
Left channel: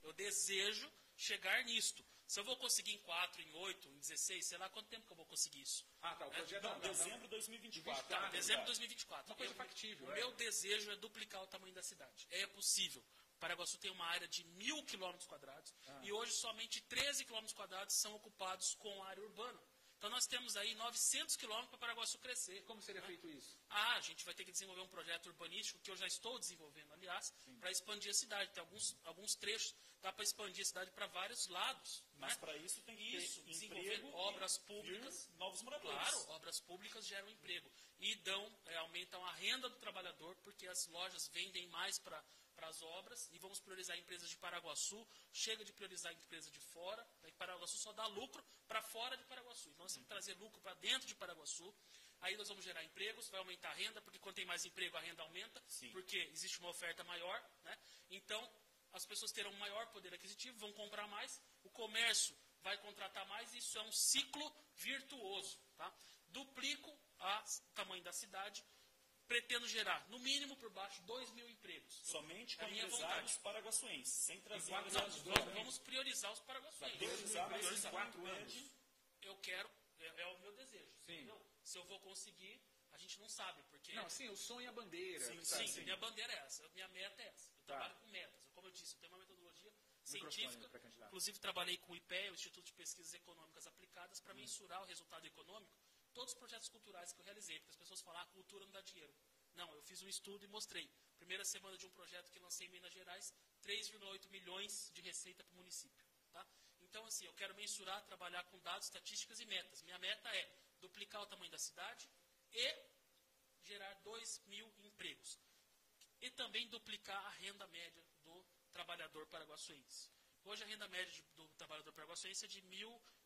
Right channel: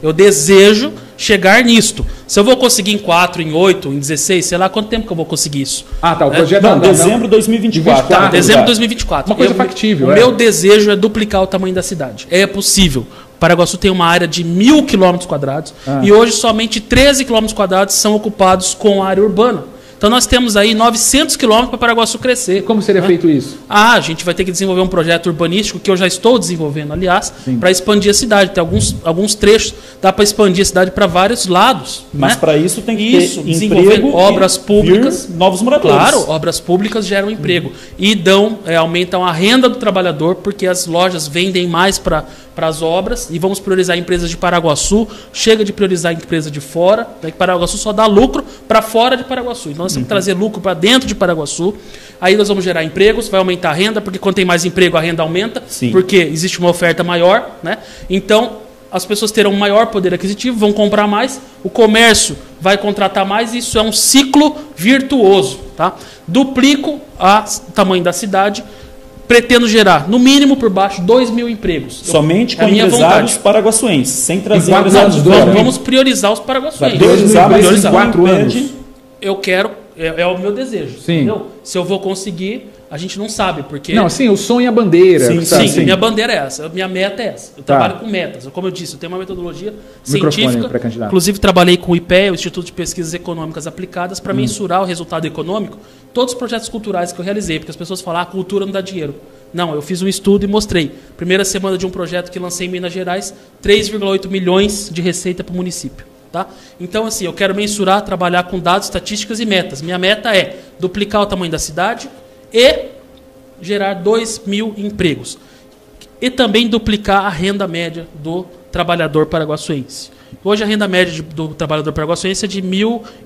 eu desejo chegar nisto. Se eu vou conseguir em 4, em 8, em 16, sei lá quanto tempo que eu vou conseguir isso. O projeto dezembro de 2024. Dezembro de 2024. Uma coisa factível. O meu desejo é duplicar o tamanho da cidade. É possível. Paraguaçu tem uma área de 1.000 km² e hoje somente 13 km² são ocupados com área urbana. Então nós temos aí 900 quilômetros para Paraguaçu crescer. Como seria feito isso? A gente vai ter que desenvolver um projeto urbanístico, que eu já estou desenvolvendo, aliás, para expandir a cidade. Tem alguns trechos, dá para expandir a cidade para vários lados. Mas né? para isso tem que ter desenvolver obras públicas. Novos moradores. Claro, obras públicas geram emprego. E aumentam a renda do trabalhador, porque as lojas vendem mais para as obras, e vamos priorizar empresas de Paraguaçu. Chega de priorizar empresas de fora, né? Que Paraguaçu só dá lucro para fora de Paraguaçu. Então nós temos que trazer lucro para dentro de Paraguaçu. Aí nós vamos gerar empregos, vai aumentar a renda, porque quando tem mais emprego a renda aumenta, porque existe uma oferta maior, né? Então as pessoas terão um maior poder aquisitivo, vão comprar mais, o comércio vai contratar mais, e isso é um ciclo virtuoso. Tá? Duplico o tamanho da cidade, pretendo gerar, no mínimo por baixo, 2.000 empregos. Somente com empresários paraguaçuenses, sem trazer empresários de fora. Vamos priorizar os paraguaçuenses. Priorizar, mas em 4 anos. Eu quero, é o meu desejo. Sim. Entendeu? Se eu vou conseguir, a gente não sabe, porque... Não, sim, o sonho é a bandeira. Sim, minha bandeira é essa, minha meta é essa. Eu trabalho com metas. Como eu disse, eu tenho uma metodologia científica. Inclusive, trabalhei com o IPE, o Instituto de Pesquisas Econômicas Aplicadas, para mensurar o resultado econômico. Todos os projetos culturais que eu realizei, porque as pessoas falam, a cultura não dá dinheiro. Não, eu fiz um estudo e mostrei. Primeira semana de um projeto que lancei em Minas Gerais, 3,8 milhões de receita para o município. Tá? Então, assim, eu quero mensurar, trabalhar com dados, estatísticas e metas. Minha meta é duplicar o tamanho da cidade e gerar 2.000 empregos. E também duplicar a renda média do trabalhador paraguaçuense. Hoje a renda média do trabalhador paraguaçuense é de R$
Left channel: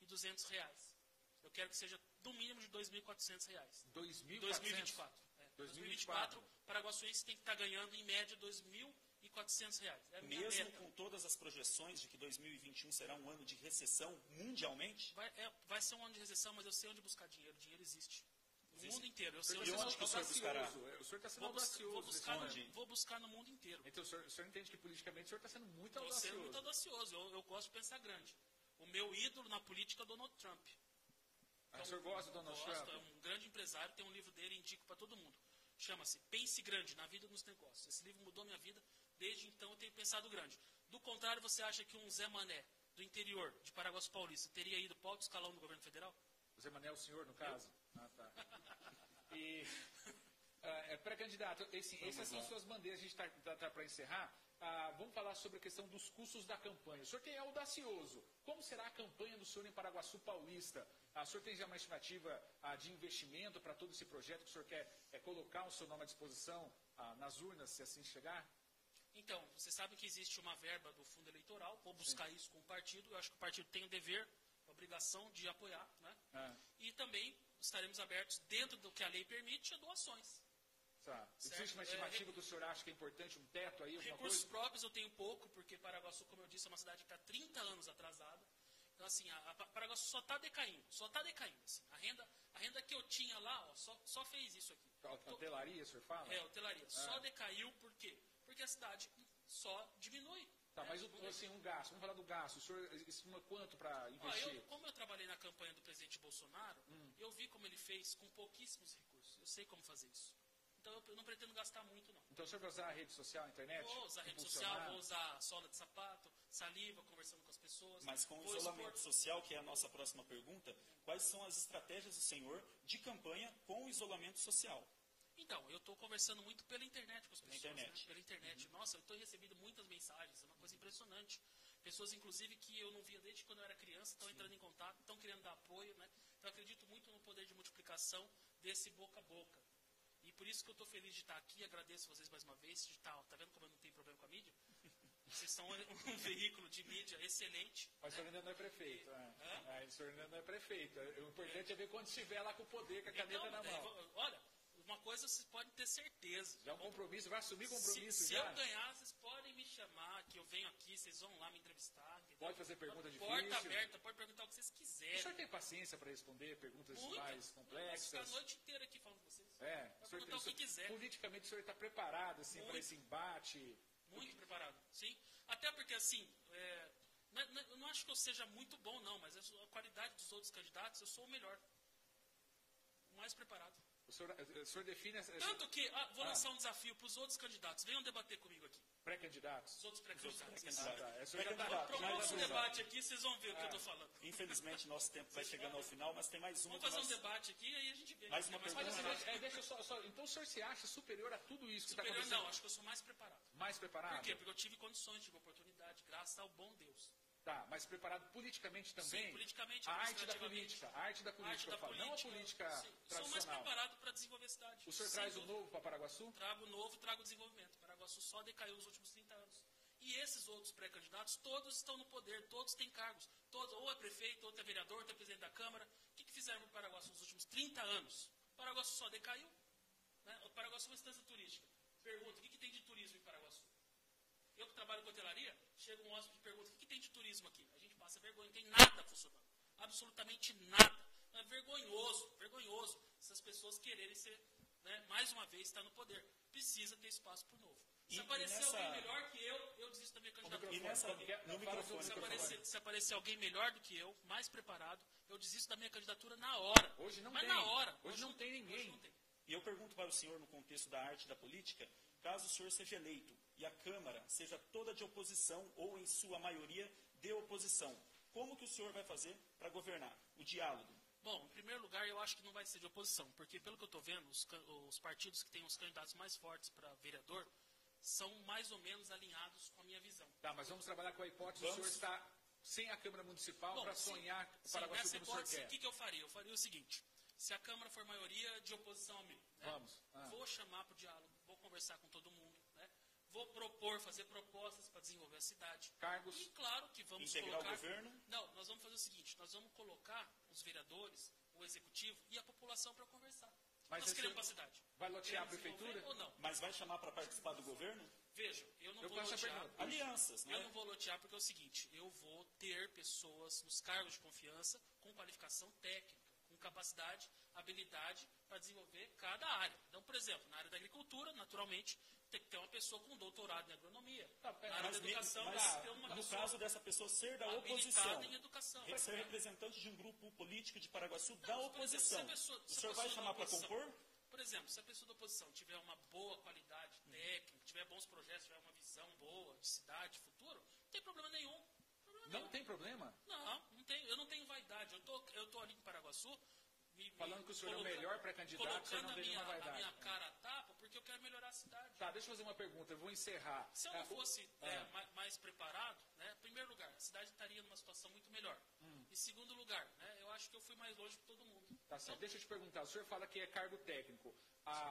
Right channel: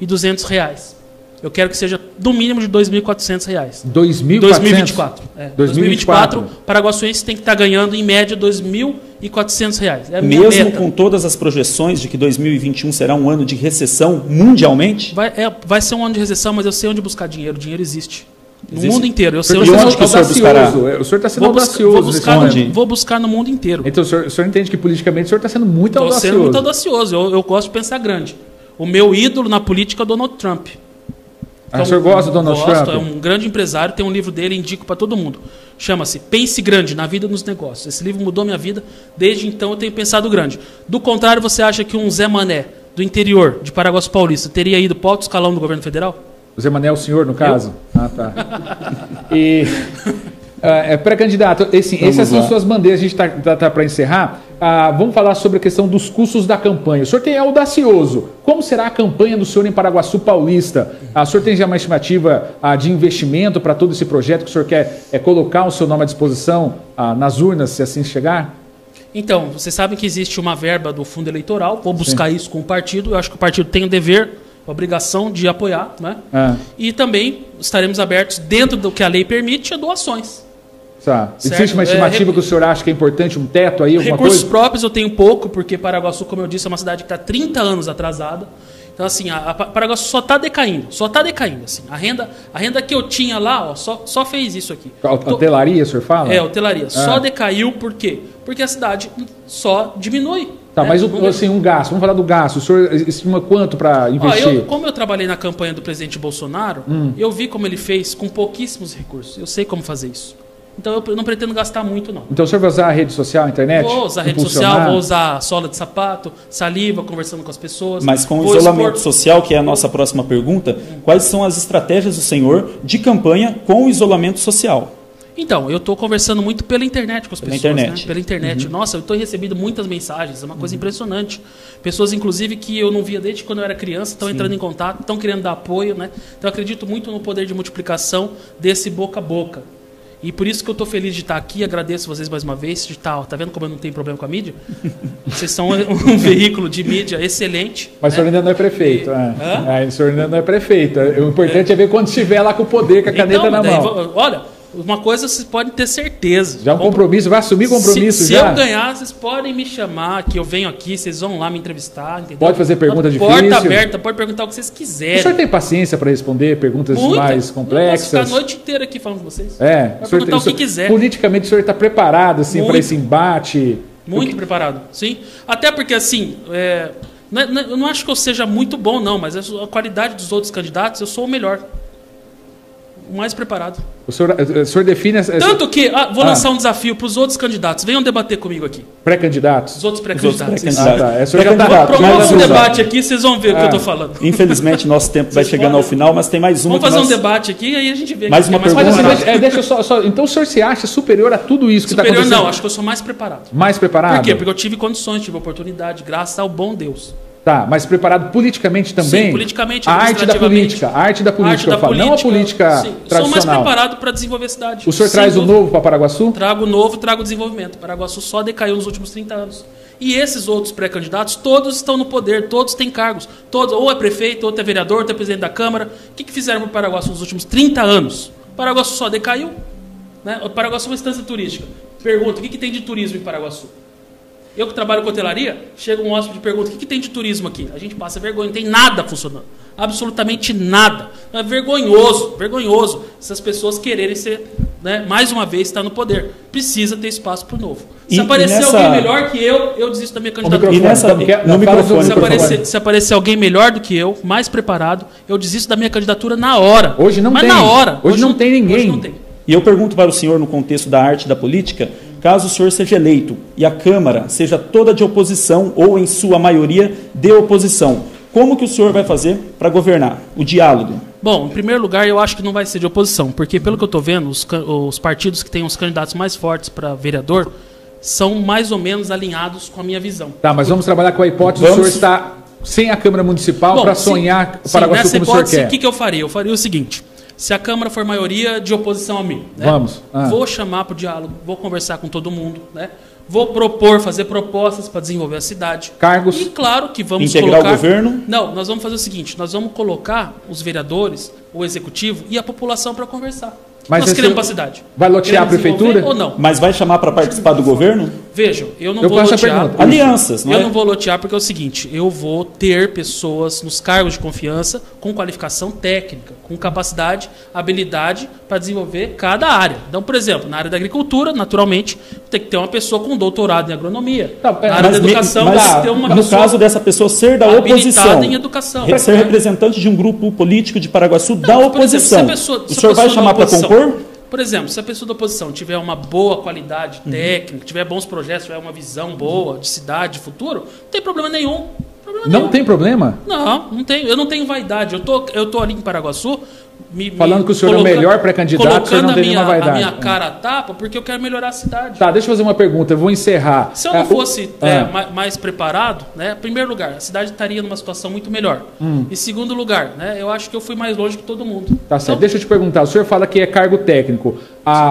1.200. Eu quero que seja do mínimo de R$ 2.400. 2024. 2024, paraguaçuense tem que estar ganhando em média R$ 2.400. É a minha mesmo meta. Com todas as projeções de que 2021 será um ano de recessão mundialmente? Vai ser um ano de recessão, mas eu sei onde buscar dinheiro. O dinheiro existe. No mundo inteiro. Eu sei onde que o senhor buscará? O senhor está sendo audacioso. Vou buscar no mundo inteiro. Então o senhor entende que politicamente o senhor está sendo muito audacioso. Estou sendo muito audacioso. Eu gosto de pensar grande. O meu ídolo na política é o Donald Trump. O senhor gosta do Donald Trump? É um grande empresário, tem um livro dele, indico para todo mundo. Chama-se Pense Grande, na Vida e nos Negócios. Esse livro mudou minha vida, desde então eu tenho pensado grande. Do contrário, você acha que um Zé Mané, do interior de Paraguaçu Paulista, teria ido para o alto escalão do governo federal? José Manuel, o senhor, no caso? Ah, tá. E... pré-candidato, essas são suas bandeiras, a gente está para encerrar. Vamos falar sobre a questão dos custos da campanha. O senhor é audacioso. Como será a campanha do senhor em Paraguaçu Paulista? O senhor tem já uma estimativa de investimento para todo esse projeto que o senhor quer colocar o seu nome à disposição nas urnas, se assim chegar? Então, vocês sabem que existe uma verba do fundo eleitoral, vou buscar isso com o partido. Eu acho que o partido tem o dever, a obrigação de apoiar, né? E também estaremos abertos, dentro do que a lei permite, a doações. Tá. Existe uma estimativa que o senhor acha que é importante, um teto aí, alguma recursos coisa? Próprios eu tenho pouco, porque Paraguaçu, como eu disse, é uma cidade que está 30 anos atrasada. Então, assim, a Paraguaçu só está decaindo. Assim. A renda que eu tinha lá, só fez isso aqui. A hotelaria, o senhor fala? Hotelaria. Só decaiu por quê? Porque a cidade só diminui. Tá, mas um gasto, vamos falar do gasto. O senhor estima quanto para investir? Como eu trabalhei na campanha do presidente Bolsonaro, eu vi como ele fez com pouquíssimos recursos. Eu sei como fazer isso. Então eu não pretendo gastar muito, não. Então o senhor vai usar a rede social, a internet? Vou usar a rede social, vou usar sola de sapato, saliva, conversando com as pessoas. Mas com o isolamento social, que é a nossa próxima pergunta, quais são as estratégias do senhor de campanha com o isolamento social? Então, eu estou conversando muito pela internet com as pessoas. Pela internet. Uhum. Nossa, eu estou recebendo muitas mensagens, é uma coisa impressionante. Pessoas, inclusive, que eu não via desde quando eu era criança, estão entrando em contato, estão querendo dar apoio, né? Então, eu acredito muito no poder de multiplicação desse boca a boca. E por isso que eu estou feliz de estar aqui, agradeço vocês mais uma vez. Tá vendo como eu não tenho problema com a mídia? Vocês são um veículo de mídia excelente. Mas o senhor ainda não é prefeito. O senhor ainda não é prefeito. O importante é ver quando estiver lá com o poder, com a caneta na mão. Olha, uma coisa vocês podem ter certeza. Já um compromisso, vai assumir compromisso se já? Se eu ganhar, vocês podem me chamar, que eu venho aqui, vocês vão lá me entrevistar, entendeu? Pode fazer pergunta difícil. Porta aberta, pode perguntar o que vocês quiserem. O senhor tem paciência para responder perguntas mais complexas? Eu posso ficar a noite inteira aqui falando com vocês. Pode perguntar o que quiser. Politicamente o senhor está preparado assim, para esse embate? Muito preparado, sim. Até porque assim, eu não acho que eu seja muito bom não, mas a qualidade dos outros candidatos, eu sou o melhor. O mais preparado. O senhor define... Tanto que... vou lançar um desafio para os outros candidatos. Venham debater comigo aqui. Pré-candidatos? Os outros pré-candidatos. Promova um debate aqui, vocês vão ver o que eu estou falando. Infelizmente, nosso tempo vai chegando ao final, mas tem mais uma... Vamos fazer um debate aqui e aí a gente vê. Mais uma pergunta. Deixa eu só... Então o senhor se acha superior a tudo isso que está acontecendo? Superior não, acho que eu sou mais preparado. Mais preparado? Por quê? Porque eu tive condições, tive oportunidade, graças ao bom Deus. Tá, mas preparado politicamente também? Sim, politicamente, a arte da política, não a política tradicional. Sou mais preparado para desenvolver a cidade. O senhor traz o novo para Paraguaçu? Trago o novo, trago o desenvolvimento. Paraguaçu só decaiu nos últimos 30 anos. E esses outros pré-candidatos, todos estão no poder, todos têm cargos. Todos, ou é prefeito, ou é vereador, ou é presidente da Câmara. O que fizeram para o Paraguaçu nos últimos 30 anos? O Paraguaçu só decaiu. Né? O Paraguaçu é uma instância turística. Pergunta, o que tem de turismo em Paraguaçu? Eu que trabalho com hotelaria, chega um hóspede e pergunta, o que tem de turismo aqui? A gente passa vergonha, não tem nada funcionando. Absolutamente nada. É vergonhoso essas pessoas quererem ser, né, mais uma vez, estar no poder. Precisa ter espaço para o novo. Se aparecer alguém melhor que eu desisto da minha candidatura. Se aparecer alguém melhor do que eu, mais preparado, eu desisto da minha candidatura na hora. Hoje não tem. Na hora. Hoje não tem ninguém. Hoje não tem. E eu pergunto para o senhor, no contexto da arte da política, caso o senhor seja eleito e a Câmara seja toda de oposição ou, em sua maioria, de oposição, como que o senhor vai fazer para governar? O diálogo. Bom, em primeiro lugar, eu acho que não vai ser de oposição, porque, pelo que eu estou vendo, os partidos que têm os candidatos mais fortes para vereador são mais ou menos alinhados com a minha visão. Tá, mas vamos trabalhar com a hipótese do senhor estar sem a Câmara Municipal para sonhar para Paraguaçu como o senhor quer. O que eu faria? Eu faria o seguinte... Se a Câmara for maioria de oposição a mim, né? Vamos. Vou chamar para o diálogo, vou conversar com todo mundo, né? Vou fazer propostas para desenvolver a cidade. Cargos. E claro que vamos integrar o governo? Não, nós vamos fazer o seguinte, nós vamos colocar os vereadores, o executivo e a população para conversar. Mas nós queremos para a cidade. Vai lotear a prefeitura? Ou não? Mas vai chamar para participar do governo? Vejam, eu não vou lotear. Alianças, não é? Eu não vou lotear porque é o seguinte, eu vou ter pessoas nos cargos de confiança com qualificação técnica, com capacidade, habilidade para desenvolver cada área. Então, por exemplo, na área da agricultura, naturalmente, tem que ter uma pessoa com doutorado em agronomia. Tá, na área da educação, tem que ter uma no pessoa caso dessa pessoa ser da oposição, em educação. Ser representante de um grupo político de Paraguaçu da oposição. Exemplo, o senhor vai chamar para compor? Por exemplo, se a pessoa da oposição tiver uma boa qualidade técnica, tiver bons projetos, tiver uma visão boa de cidade, de futuro, não tem problema nenhum. Não tem problema? Não tem. Eu não tenho vaidade. Eu tô ali em Paraguaçu... Falando que o senhor é o melhor pré-candidato, o senhor não tem nenhuma vaidade. A minha cara a tapa porque eu quero melhorar a cidade. Tá, deixa eu fazer uma pergunta, eu vou encerrar. Se eu não fosse mais preparado, né, em primeiro lugar, a cidade estaria numa situação muito melhor. Em segundo lugar, né, eu acho que eu fui mais longe que todo mundo. Tá certo, deixa eu te perguntar, o senhor fala que é cargo técnico.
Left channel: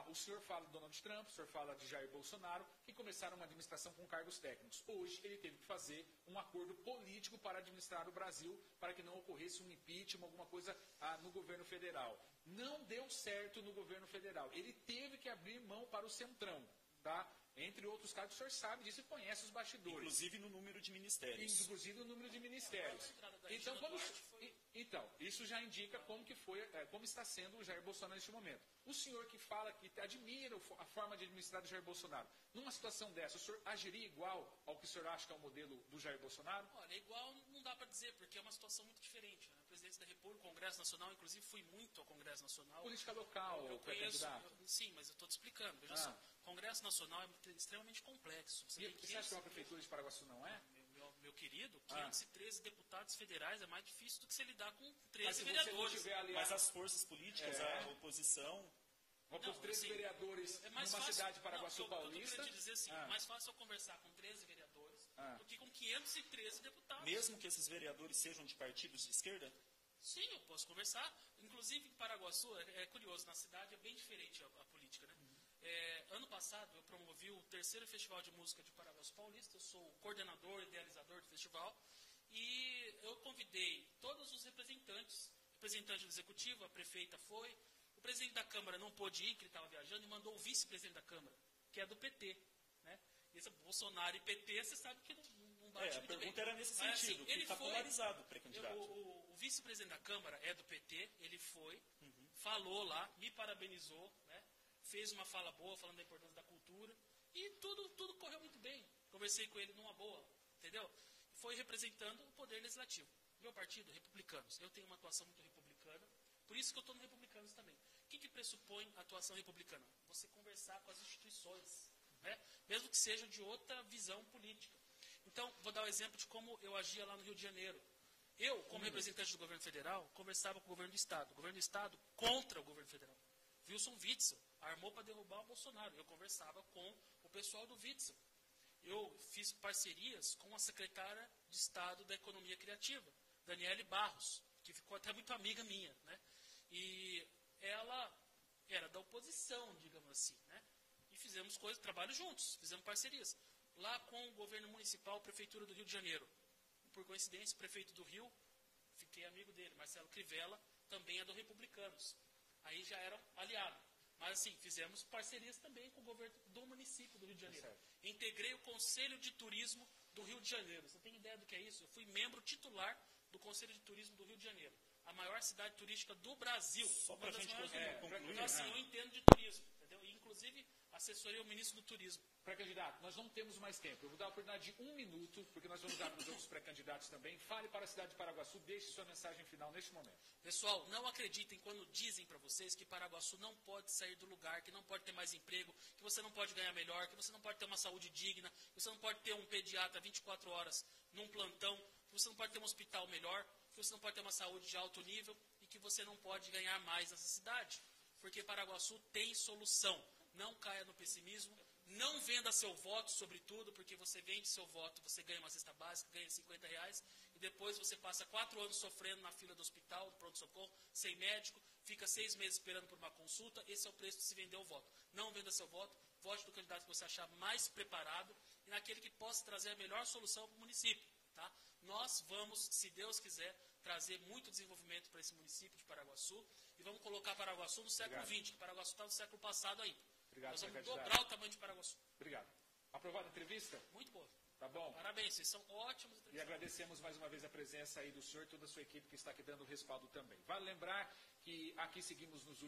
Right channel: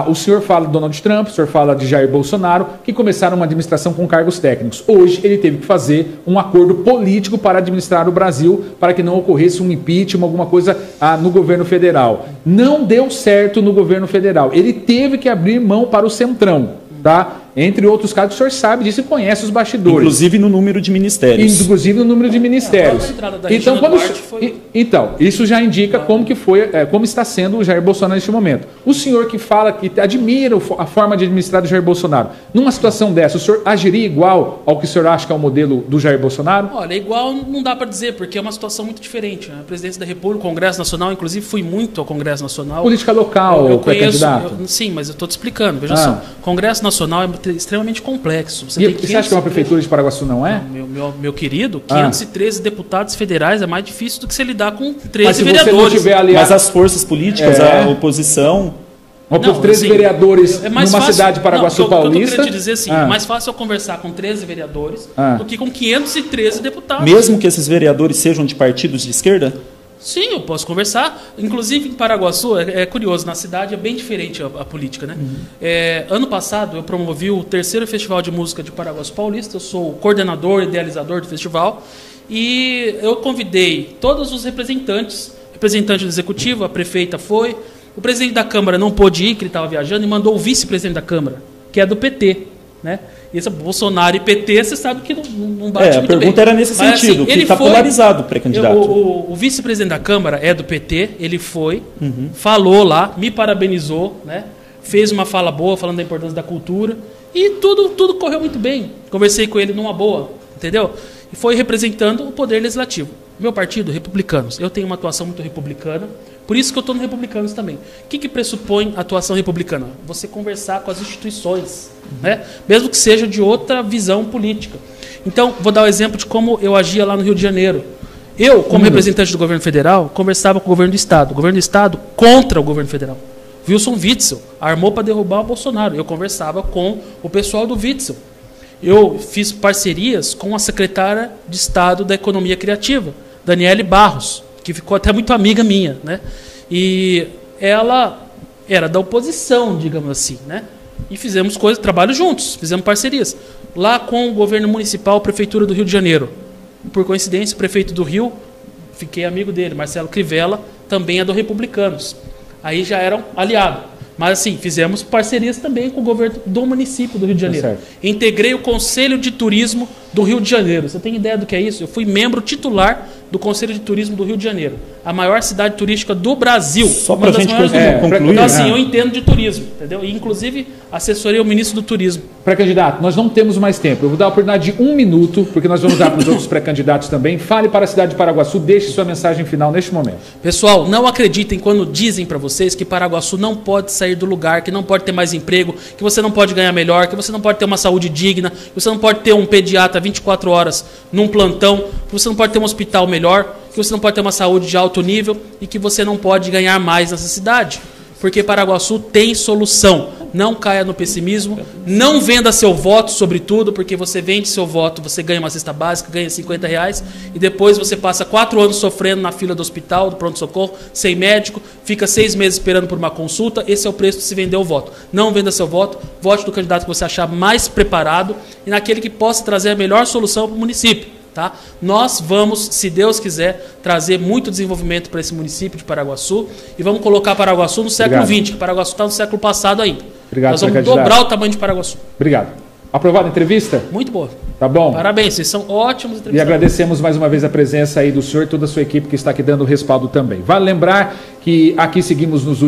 O senhor fala de Donald Trump, o senhor fala de Jair Bolsonaro, que começaram uma administração com cargos técnicos. Hoje ele teve que fazer um acordo político para administrar o Brasil, para que não ocorresse um impeachment, alguma coisa no governo federal. Não deu certo no governo federal. Ele teve que abrir mão para o Centrão, tá? Entre outros casos, o senhor sabe disso e conhece os bastidores. Inclusive no número de ministérios. Então, isso já indica como está sendo o Jair Bolsonaro neste momento. O senhor que fala que admira a forma de administrar do Jair Bolsonaro, numa situação dessa, o senhor agiria igual ao que o senhor acha que é o modelo do Jair Bolsonaro? Olha, igual não dá para dizer, porque é uma situação muito diferente. A presidência da República, o Congresso Nacional, inclusive fui muito ao Congresso Nacional. Política local, eu conheço, sim, mas eu estou te explicando. Veja só, o Congresso Nacional é extremamente complexo. Você acha que uma prefeitura de Paraguaçu não é? Meu querido, 513 deputados federais é mais difícil do que você lidar com 13 vereadores. Você não tiver aliado... Mas as forças políticas, a oposição... 13 vereadores numa cidade de Paraguaçu Paulista... O que eu tô querendo te dizer assim, é mais fácil eu conversar com 13 vereadores do que com 513 deputados. Mesmo que esses vereadores sejam de partidos de esquerda? Sim, eu posso conversar. Inclusive em Paraguaçu, é curioso, na cidade é bem diferente a política, né? Ano passado eu promovi o 3º Festival de Música de Paraguaçu Paulista, eu sou o coordenador e idealizador do festival, e eu convidei todos os representantes, representante do executivo, a prefeita foi, o presidente da Câmara não pôde ir, que ele estava viajando, e mandou o vice-presidente da Câmara, que é do PT, né? E esse Bolsonaro e PT, você sabe que não bate muito bem. A pergunta era nesse sentido, que está polarizado o pré-candidato. O vice-presidente da Câmara é do PT, ele foi, falou lá, me parabenizou, né? Fez uma fala boa, falando da importância da cultura, e tudo correu muito bem. Conversei com ele numa boa, entendeu? E foi representando o poder legislativo. Meu partido, Republicanos, eu tenho uma atuação muito republicana, por isso que eu estou no Republicanos também. O que pressupõe a atuação republicana? Você conversar com as instituições, né? Mesmo que seja de outra visão política. Então, vou dar o exemplo de como eu agia lá no Rio de Janeiro. Eu, como representante do governo federal, conversava com o governo do Estado. O governo do Estado contra o governo federal. Wilson Witzel armou para derrubar o Bolsonaro. Eu conversava com o pessoal do Witzel. Eu fiz parcerias com a secretária de Estado da Economia Criativa, Daniele Barros, que ficou até muito amiga minha, né? E ela era da oposição, digamos assim, né? E fizemos trabalho juntos, fizemos parcerias. Lá com o governo municipal, a Prefeitura do Rio de Janeiro. Por coincidência, o prefeito do Rio, fiquei amigo dele, Marcelo Crivella, também é do Republicanos. Aí já eram aliados. Mas assim, fizemos parcerias também com o governo do município do Rio de Janeiro. Integrei o Conselho de Turismo do Rio de Janeiro. Você tem ideia do que é isso? Eu fui membro titular do Conselho de Turismo do Rio de Janeiro. A maior cidade turística do Brasil. Só para a gente concluir. Então assim, eu entendo de turismo, entendeu? E inclusive assessorei o ministro do Turismo. Pré-candidato, nós não temos mais tempo. Eu vou dar a oportunidade de 1 minuto, porque nós vamos dar para os outros pré-candidatos também. Fale para a cidade de Paraguaçu, deixe sua mensagem final neste momento. Pessoal, não acreditem quando dizem para vocês que Paraguaçu não pode sair do lugar, que não pode ter mais emprego, que você não pode ganhar melhor, que você não pode ter uma saúde digna, que você não pode ter um pediatra 24 horas num plantão, que você não pode ter um hospital melhor, que você não pode ter uma saúde de alto nível e que você não pode ganhar mais nessa cidade. Porque Paraguaçu tem solução. Não caia no pessimismo, não venda seu voto, sobretudo, porque você vende seu voto, você ganha uma cesta básica, ganha R$50, e depois você passa 4 anos sofrendo na fila do hospital, do pronto-socorro, sem médico, fica 6 meses esperando por uma consulta. Esse é o preço de se vender o voto. Não venda seu voto, vote no candidato que você achar mais preparado e naquele que possa trazer a melhor solução para o município. Tá? Nós vamos, se Deus quiser, trazer muito desenvolvimento para esse município de Paraguaçu e vamos colocar Paraguaçu no século XX, que Paraguaçu está no século passado ainda. Obrigado, nós vamos dobrar o tamanho de Paraguaçu. Obrigado. Aprovada a entrevista? Muito boa. Tá bom. Parabéns, vocês são ótimos entrevistados. E agradecemos mais uma vez a presença aí do senhor e toda a sua equipe que está aqui dando respaldo também. Vale lembrar que aqui seguimos nos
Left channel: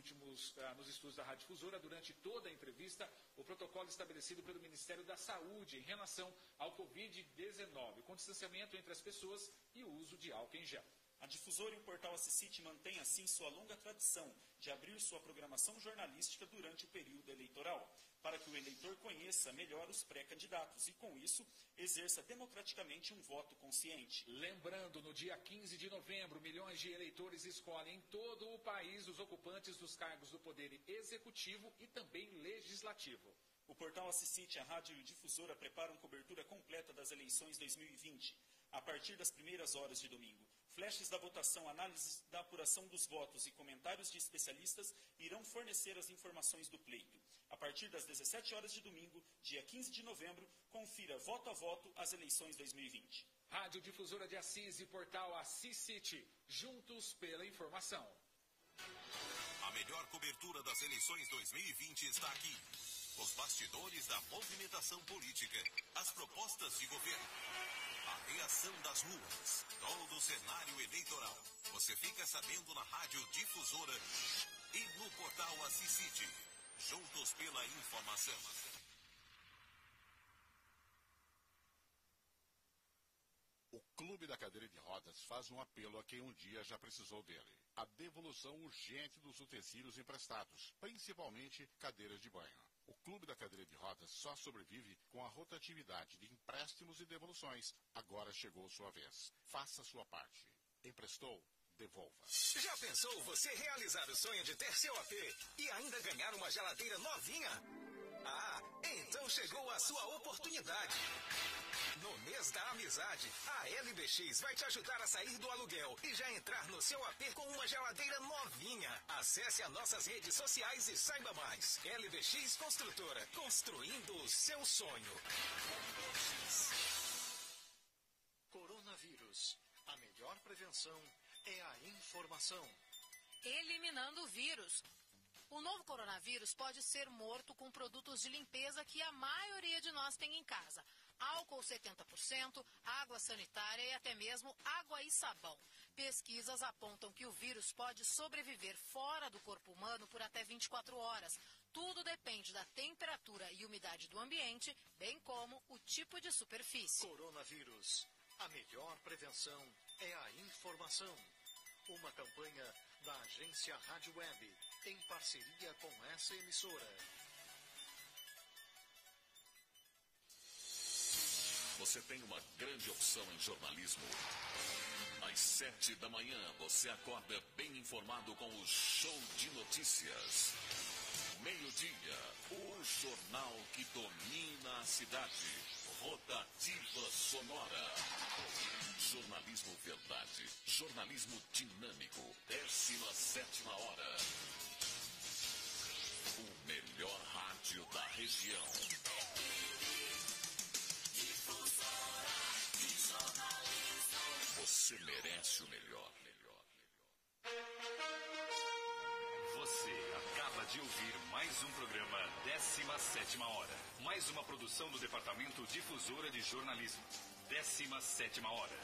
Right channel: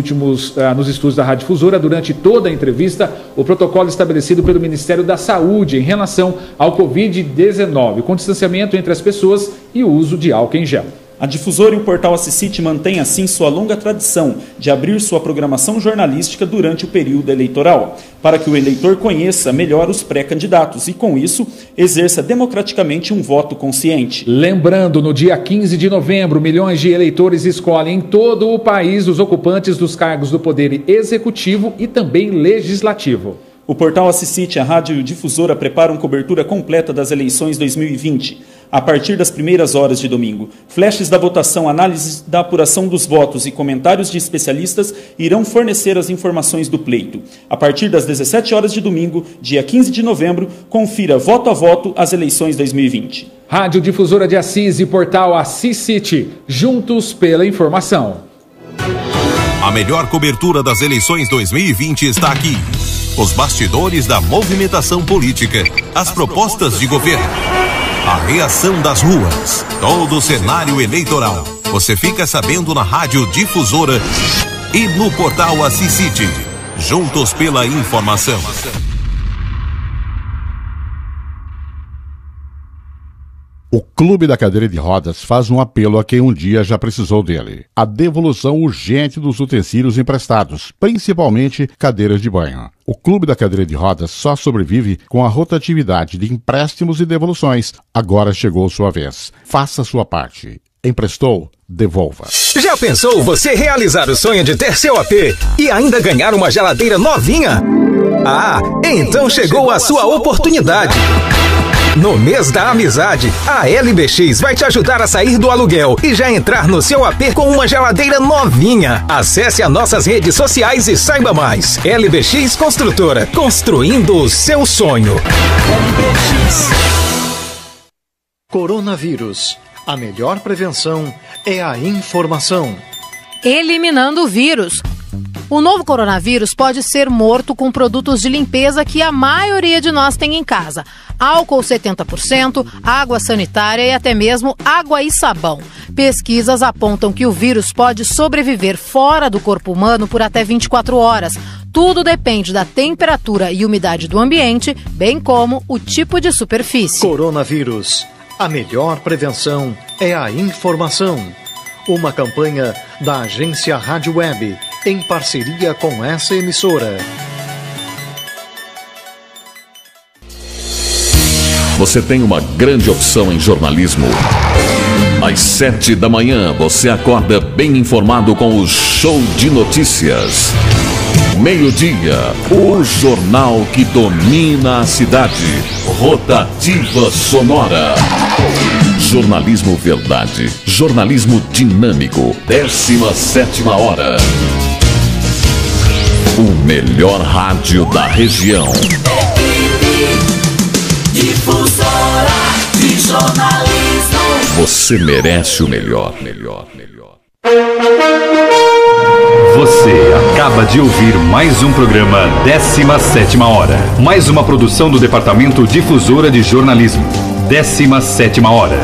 estúdios da Rádio Difusora, durante toda a entrevista, o protocolo estabelecido pelo Ministério da Saúde em relação ao Covid-19, com distanciamento entre as pessoas e o uso de álcool em gel. A Difusora e o portal Assisite mantêm assim sua longa tradição de abrir sua programação jornalística durante o período eleitoral, para que o eleitor conheça melhor os pré-candidatos e, com isso, exerça democraticamente um voto consciente. Lembrando, no dia 15 de novembro, milhões de eleitores escolhem em todo o país os ocupantes dos cargos do Poder Executivo e também Legislativo. O portal Assisite, a Rádio Difusora, preparam cobertura completa das eleições 2020. A partir das primeiras horas de domingo, flashes da votação, análises da apuração dos votos e comentários de especialistas irão fornecer as informações do pleito. A partir das 17 horas de domingo, dia 15 de novembro, confira voto a voto as eleições 2020. Rádio Difusora de Assis e portal Assisite, juntos pela informação. A melhor cobertura das eleições 2020 está aqui. Os bastidores da movimentação política, as propostas de governo, a reação das ruas, todo o cenário eleitoral. Você fica sabendo na Rádio Difusora e no portal Assisite. Juntos pela informação. O Clube da Cadeira de Rodas faz um apelo a quem um dia já precisou dele. A devolução urgente dos utensílios emprestados, principalmente cadeiras de banho. O Clube da Cadeira de Rodas só sobrevive com a rotatividade de empréstimos e devoluções. Agora chegou sua vez. Faça sua parte. Emprestou? Devolva. Já pensou você realizar o sonho de ter seu AP e ainda ganhar uma geladeira novinha? Ah, então chegou a sua oportunidade. No mês da amizade, a LBX vai te ajudar a sair do aluguel e já entrar no seu AP com uma geladeira novinha. Acesse as nossas redes sociais e saiba mais. LBX Construtora, construindo o seu sonho. LBX. Coronavírus. A melhor prevenção é a informação. Eliminando o vírus. O novo coronavírus pode ser morto com produtos de limpeza que a maioria de nós tem em casa. Álcool 70%, água sanitária e até mesmo água e sabão. Pesquisas apontam que o vírus pode sobreviver fora do corpo humano por até 24 horas. Tudo depende da temperatura e umidade do ambiente, bem como o tipo de superfície. Coronavírus. A melhor prevenção é a informação. Uma campanha da agência Rádio Web, em parceria com essa emissora. Você tem uma grande opção em jornalismo. Às 7 da manhã, você acorda bem informado com o Show de Notícias. Meio-dia, o jornal que domina a cidade. Rotativa Sonora. Jornalismo verdade. Jornalismo dinâmico. 17ª hora. O melhor rádio da região. Difusora de jornalismo. Você merece o melhor. Você acaba de ouvir mais um programa 17ª hora. Mais uma produção do Departamento Difusora de Jornalismo. 17ª hora.